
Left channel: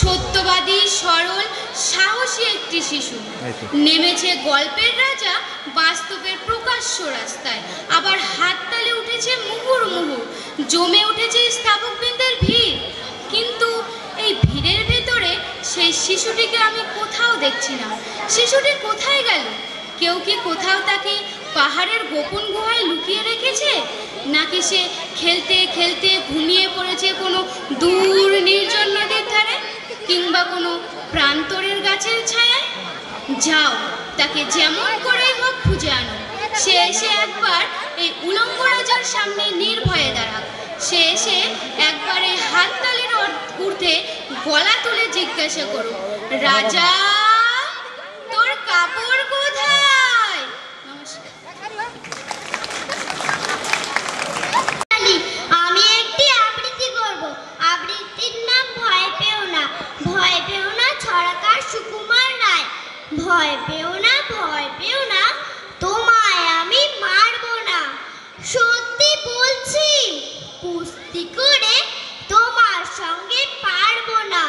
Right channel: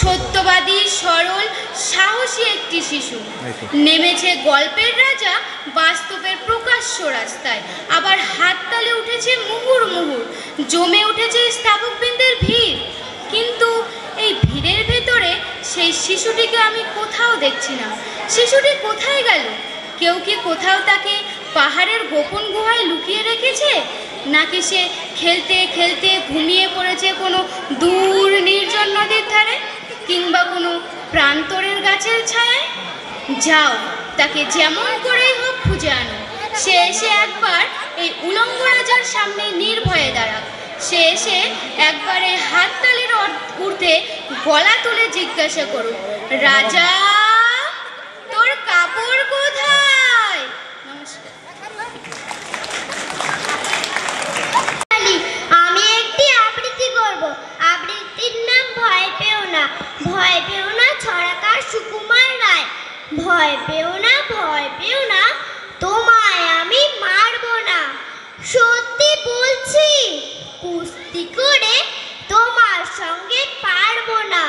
সত্যবাদী, সরল, সাহসী একটি শিশু। নেমেছে গল্পের রাজা বাস্তবের প্রকাশ্য রাস্তায়, আবার হাততালি উঠেছে মুহুর মুহুর, জমে উঠেছে স্থাপকবৃন্দের ভিড়। কিন্তু এই ভিড়ের ভেতরে সেই শিশুটিকে আমি কোথাও দেখছি না। শিশুটি কোথায় গেল? কেউ কি কোথাও তাকে পাহাড়ের গোপন গুহায় লুকিয়ে রেখেছে, নাকি সে খেলতে খেলতে ঘুমিয়ে পড়েছে কোনো দূর নির্জন নদীর ধারে কিংবা কোনো প্রান্তরের গাছের ছায়ায়? যাও, তাকে যেমন করেই হোক খুঁজে আনো। সে এসে একবার এই উলঙ্গ রাজার সামনে নির্ভয়ে দাঁড়া। সে এসে একবারে হাততালির ঊর্ধ্বে গলা তুলে জিজ্ঞাসা করো, রাজা তোর কাপড় কোথায়? আমি একটি আবৃত্তি করব। আবৃত্তির নাম ভয় পেও না। ভয় পেও না ছড়াকার সুকুমার রায়। ভয় পেও না, ভয় পেও না, তোমায় আমি মারবো না। সত্যি বলছি, কুস্তি করে তোমার সঙ্গে পারবো না।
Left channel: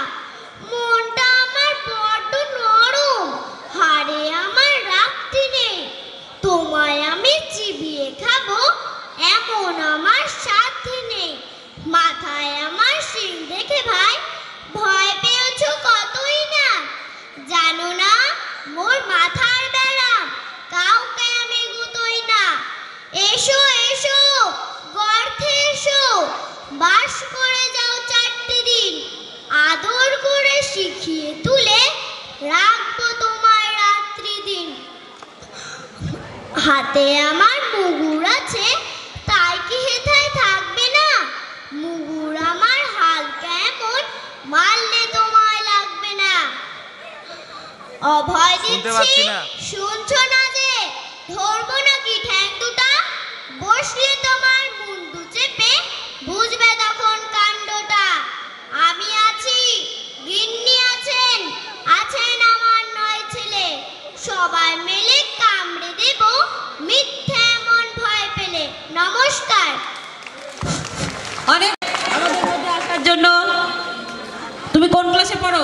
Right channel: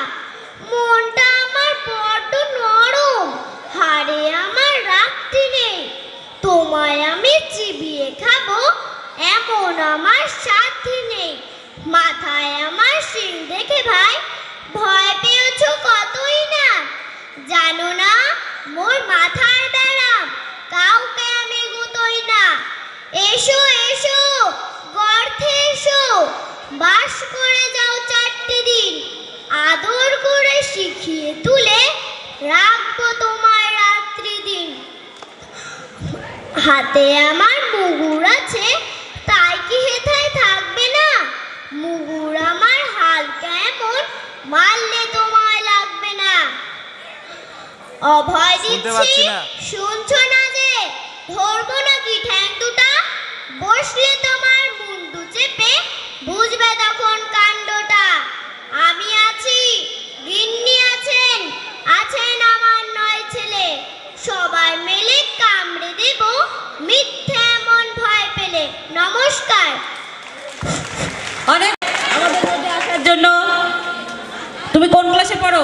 মনটা আমার বড্ড নরম, হাড়ে আমার রাখতে নেই। তোমায় আমি চিবিয়ে খাবো এমন আমার সাধ্যি নেই। মাথায় আমার শিং দেখে ভাই ভয় পেয়েছ কতই না। জানো না মোর মাথার ব্যারাম, কাউকে আমি গুতোই না। এসো এসো গর্তে এসো, বাস করে যাও 4 দিন। আদর করে শিখিয়ে তুলে রাখবো তোমার রাত্রি দিন। হাতে আমার মুগুর আছে, তাই কি হেথায় থাকবে না? মুগুর আমার হাল কেমন, মারলে তোমায় লাগবে না। অভয় শুনতে পাচ্ছি দিচ্ছি, না। শুনছো না যে? ধরবো নাকি ঠ্যাং দুটা? বসলে তোমার মুন্ডু চেপে বুঝবে তখন কাণ্ডটা। আমি আছি, গিন্নি আছেন, আছেন আমার 9 ছেলে। সবাই মিলে কামড়ে দেব মিথ্যে এমন ভয় পেলে। নমস্কার। অনেক আমাদের মধ্যে আসার জন্য। তুমি কোন ক্লাসে পড়ো?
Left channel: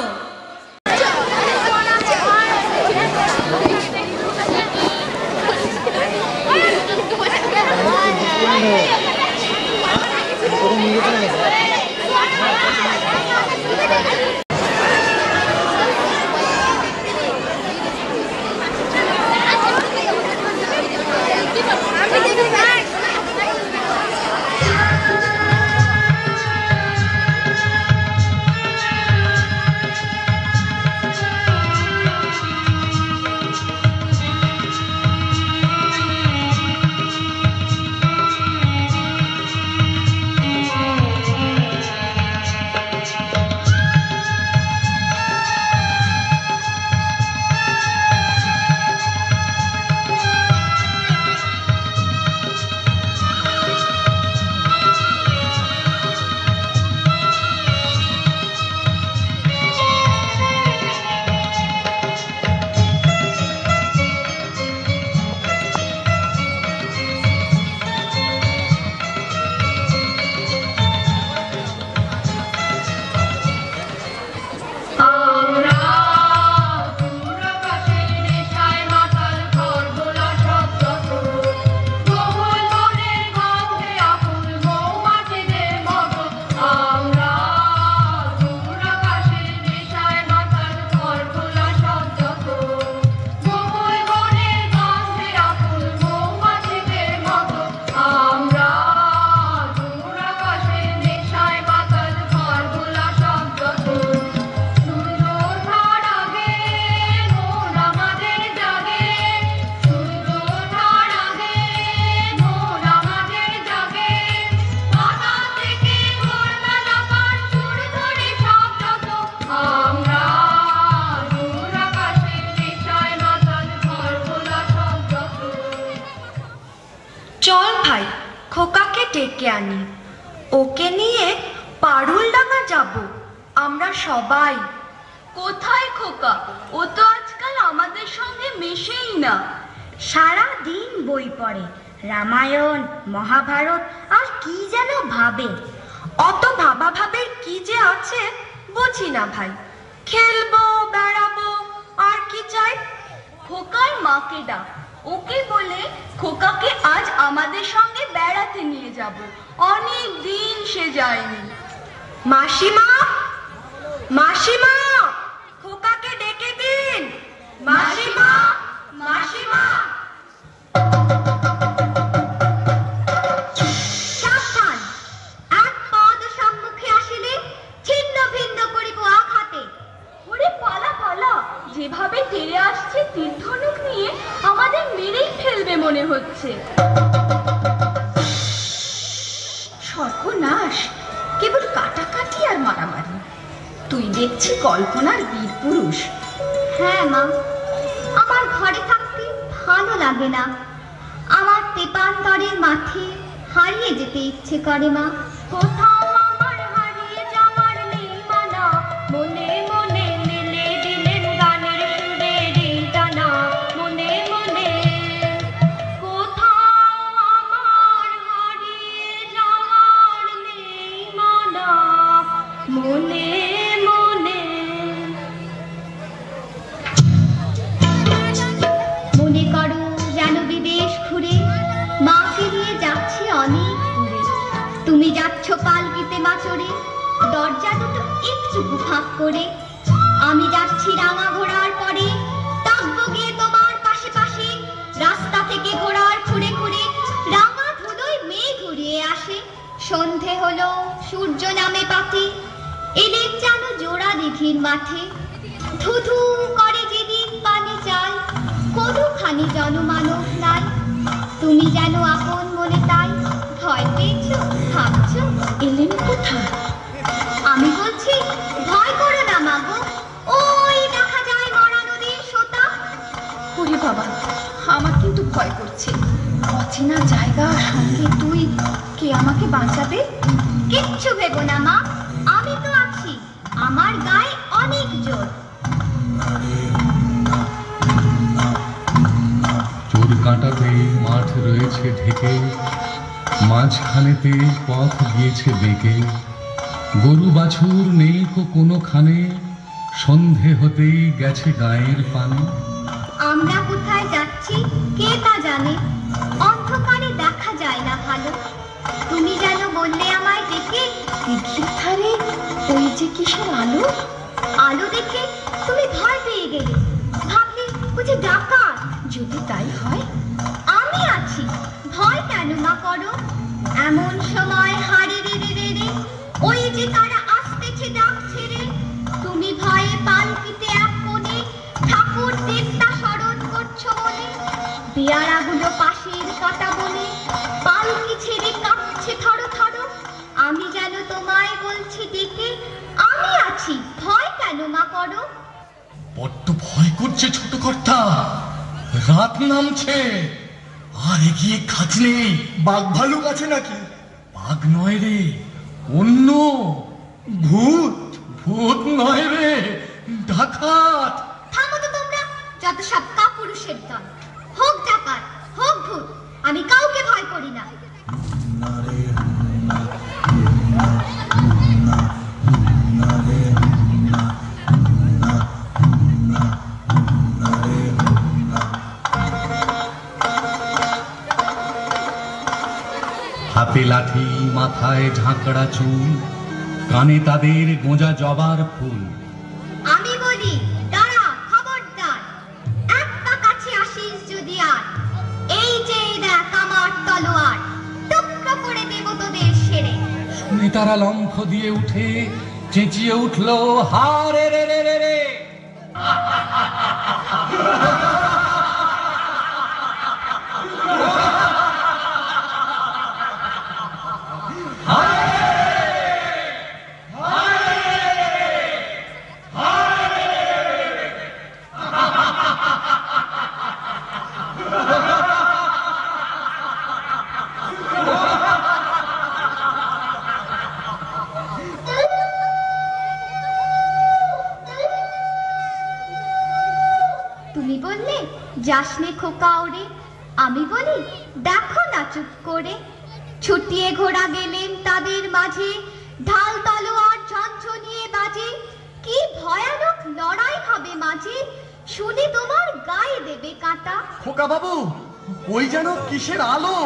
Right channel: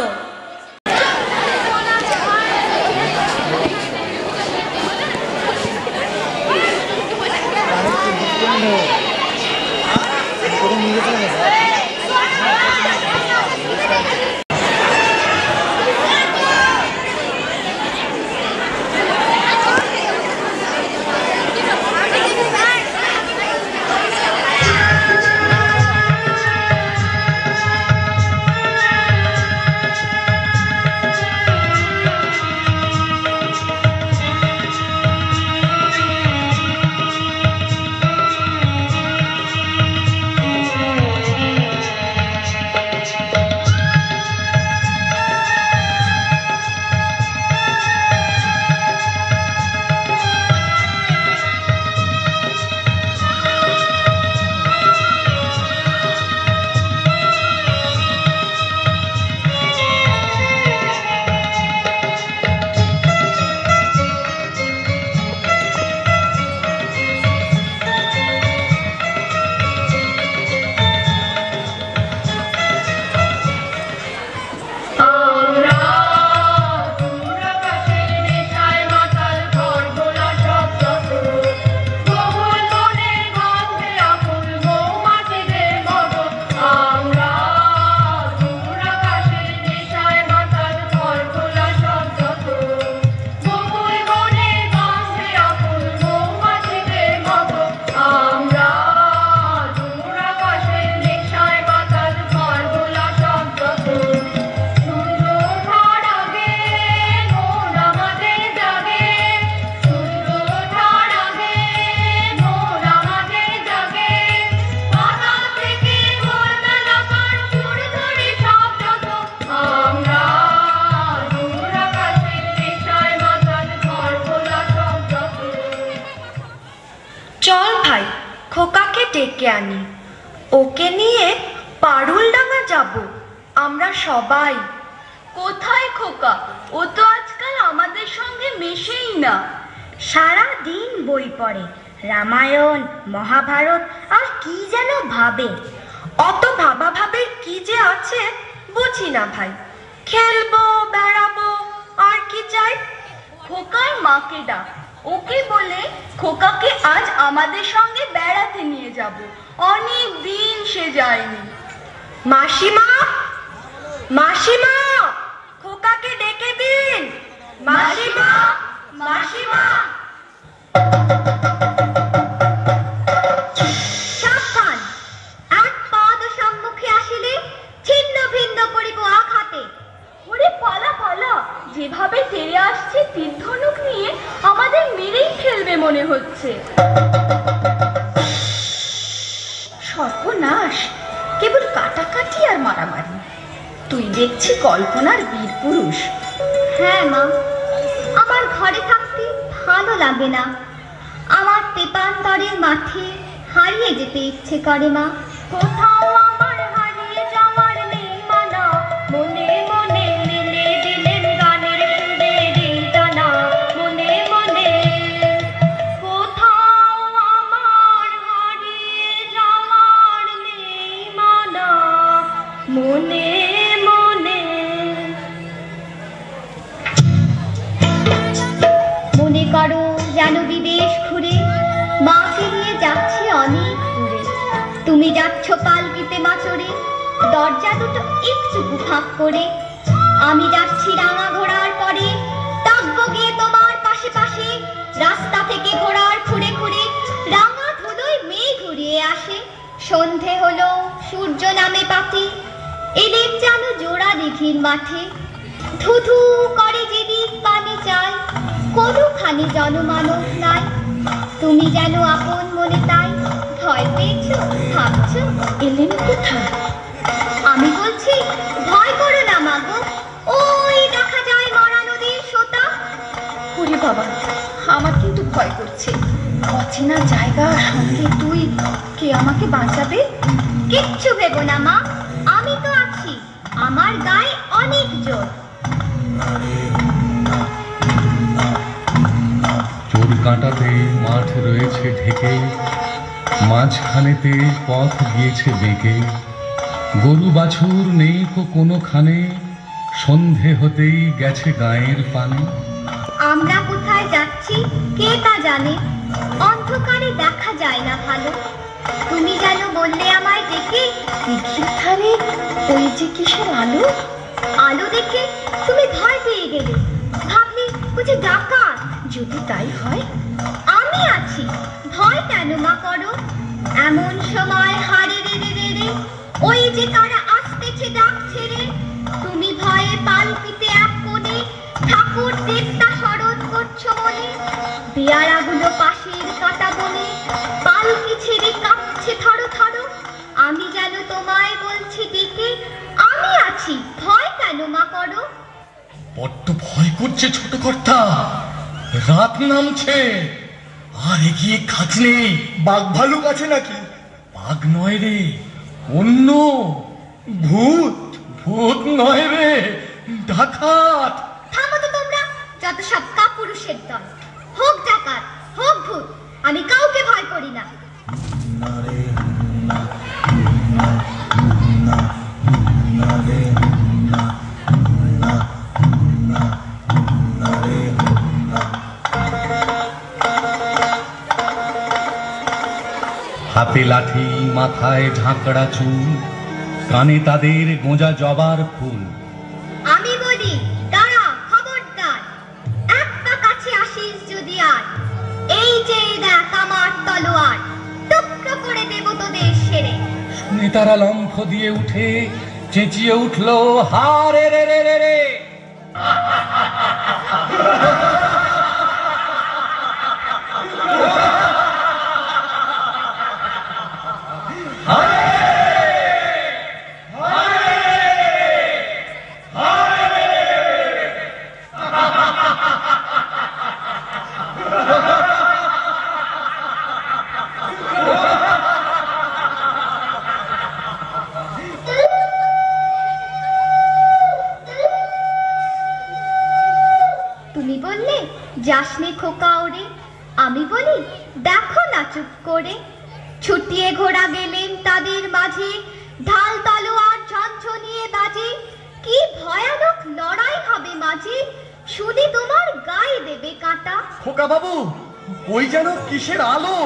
চল ভাই, খোকাকে ডেকে আনি। ওকে নিয়ে পারুলডাঙ্গা যাব আমরা সবাই। কোথায় খোকা? ও তো আজকাল আমাদের সঙ্গে মেশেই না। সারা দিন বই পড়ে, রামায়ণ, মহাভারত আর কি যেন ভাবে। অত ভাবা ভাবের কি যে আছে বুঝি না ভাই। খেলবো, বেড়াবো, আর কি চাই? খোকার মাকে ডাক, ওকে বলে খোকাকে আজ আমাদের সঙ্গে বেড়াতে নিয়ে যাব। অনেক দিন সে যায়নি। মাসিমা, মাসিমা, খোকাকে ডেকে দিন। মাসিমা, মাসিমা। সাবধান, এক পাদ সম্মুখে আসিলে ছিন্ন ভিন্ন করিব আঘাতে। ওরে পালা পালা, যেভাবে তেড়ে আসছে তীরধনুক নিয়ে আমাদের মেরেই ফেলবে মনে হচ্ছে। সর্বনাশ, কেবল কাটাকাটি আর মারামারি। তুই দেখছি কল্পনার বীর পুরুষ। হ্যাঁ মা, আমার ঘরে থাকতে ভালো লাগে না। আমার তেপান্তরের মাঠে হারিয়ে যেতে ইচ্ছে করে মা। কোথাও আমার হারিয়ে যাওয়ার নেই মানা, মনে মনে মেলে দিলেন গানের সুরেরই দানা। মনে মনে কোথাও আমার হারিয়ে যাওয়ার নেই মানা, মনে মনে। মনে করো যেন বিদেশ ঘুরে মাকে নিয়ে যাচ্ছি অনেক দূরে। তুমি যাচ্ছ পালকিতে মা চড়ে, দরজা দুটো একটুকু ফাঁক করে। আমি যাচ্ছি রাঙা ঘোড়ার পরে, থাকবো গিয়ে তোমার পাশে পাশে। রাস্তা থেকে ঘোড়ার খুঁড়ে খুঁড়ে রাঙা ধুলোয় মেঘ ঘুরিয়ে আসে। সন্ধে হলো, সূর্য নামে পাতে, এদের যেন জোড়া দিঘির মাঠে। ধুধু করে যেদিক পানি চাই, কোনোখানি জনমানব নাই। তুমি যেন আপন মনে তাই ভয় পেয়েছো, ভাবছো এলেন কোথায়। আমি বলছি ভয় করো না মাগো, ওই দেখা যায় মরা নদীর ওরে বাবা, আমার কিন্তু ভয় করছে। অচেনা জায়গা, সঙ্গে তুই, কে আমাকে বাঁচাবে? কিচ্ছু ভেবো না মা, আমি তো আছি। আমার গায়ে অনেক জোর। চোর কাঁটাতে মাঠ রয়েছে ঢেকে, মাঝখানেতে পথ গিয়েছে বেঁকে। গরু বাছুর নেই কোনোখানে, সন্ধে হতেই গেছে গায়ের পানে। আমরা কোথায় যাচ্ছি কে তা জানে, অন্ধকারে দেখা যায় না ভালো। তুমি যেন বললে আমায় দেখে, দিঘির ধারে ওই যে কিসের আলো। আলো দেখে তুমি ভয় পেয়ে গেলে, ভাবলে বুঝি ডাকাত। যদি তাই হয়, আমি আছি, ভয় কেন মা করো? এমন সময় হারে রে রে রে রে, ওই যে তারা আসতেছে ডাক ছেড়ে। তুমি ভয়ে পালকিতে এক কোণে, ঠাকুর দেবতা স্মরণ করছো মনে। পেয়ারাগুলো পাশের কাটা বনে, পালকি ছেড়ে কাঁপছে থরো থরো। আমি যেন তোমায় বলছি ডেকে, আমি আছি, ভয় কেন মা করো? বড্ড ভয় করছে ছোট কর্তা, রাত নামছে, আর এগিয়ে কাজ নেই। বাঘ ভালুক আছে নাকি? বাঘ নয় রে, অন্য ভূত। ভূত নয় রে, ডাকাত। থামো তো তোমরা, যত সব কাপুরুষের দল। হোক ডাকাত, হোক ভূত, আমি কাউকে ভয় করি না। হাতে লাঠি, মাথায় ঝাঁকড়া চুল, কানে তাদের গোঁজা জবার ফুল। আমি বলি দাঁড়া, খবরদার, এক পা কাছে আসিস যদি আর। এই যে দেখ আমার তলোয়ার, টুকরো করে দেব তোদের সেরে। শুনে তারা লম্ফ দিয়ে উঠে চেঁচিয়ে উঠল, হারে রে রে রে রে। তুমি বললে যাসনে খোকা ওরে, আমি বলি দেখো না চুপ করে। ছুটিয়ে ঘোড়া গেলেন তাদের মাঝে, ঢাল তলোয়ার ঝনঝনিয়ে বাজে। কি ভয়ানক লড়াই হবে মাঝে, শুনে তোমার গায়ে দেবে কাঁটা। খোকা বাবু, ওই যেন কিসের আলো।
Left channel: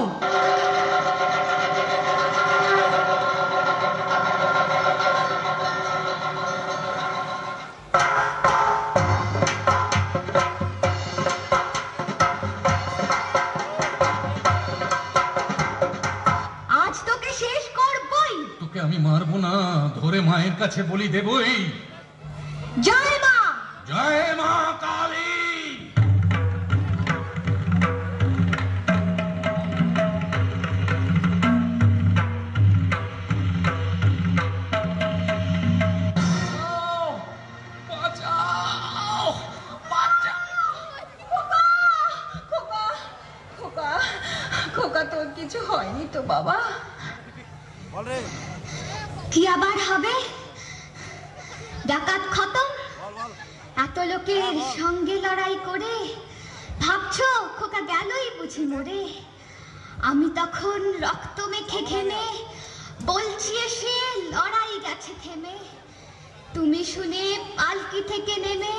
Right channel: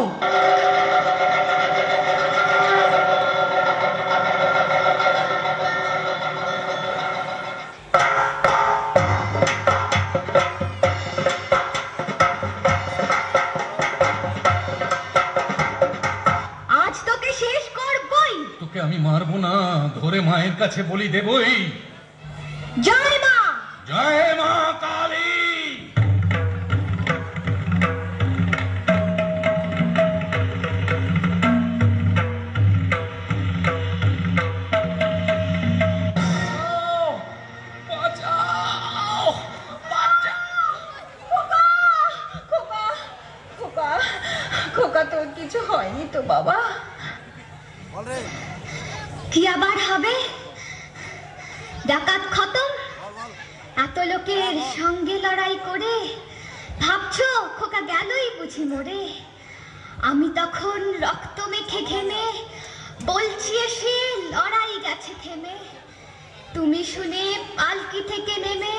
আজ তোকে শেষ করবই। তোকে আমি মারবো না, ধরে মায়ের কাছে বলি দেবই। জয় মা, জয় মা কালী। খোকা, তোর কিছু হয়নি তো বাবা? কি আবার হবে? ডাকাত খতম, এত লোকের সঙ্গে লড়াই করে ভাবছো খোকা গেলই বুঝি মরে। আমি তখন রক্ত মেখে ঘেমে বলছি এসে লড়াই গেছে থেমে। তুমি শুনে পালকি থেকে নেমে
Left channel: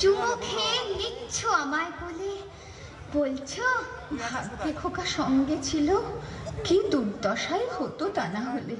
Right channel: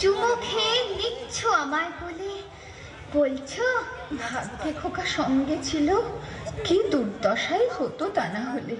চুমু খেয়ে নিচ্ছ আমায় বলে, বলছো খোকা সঙ্গে ছিল, কি দুর্দশাই হতো তা না হলে।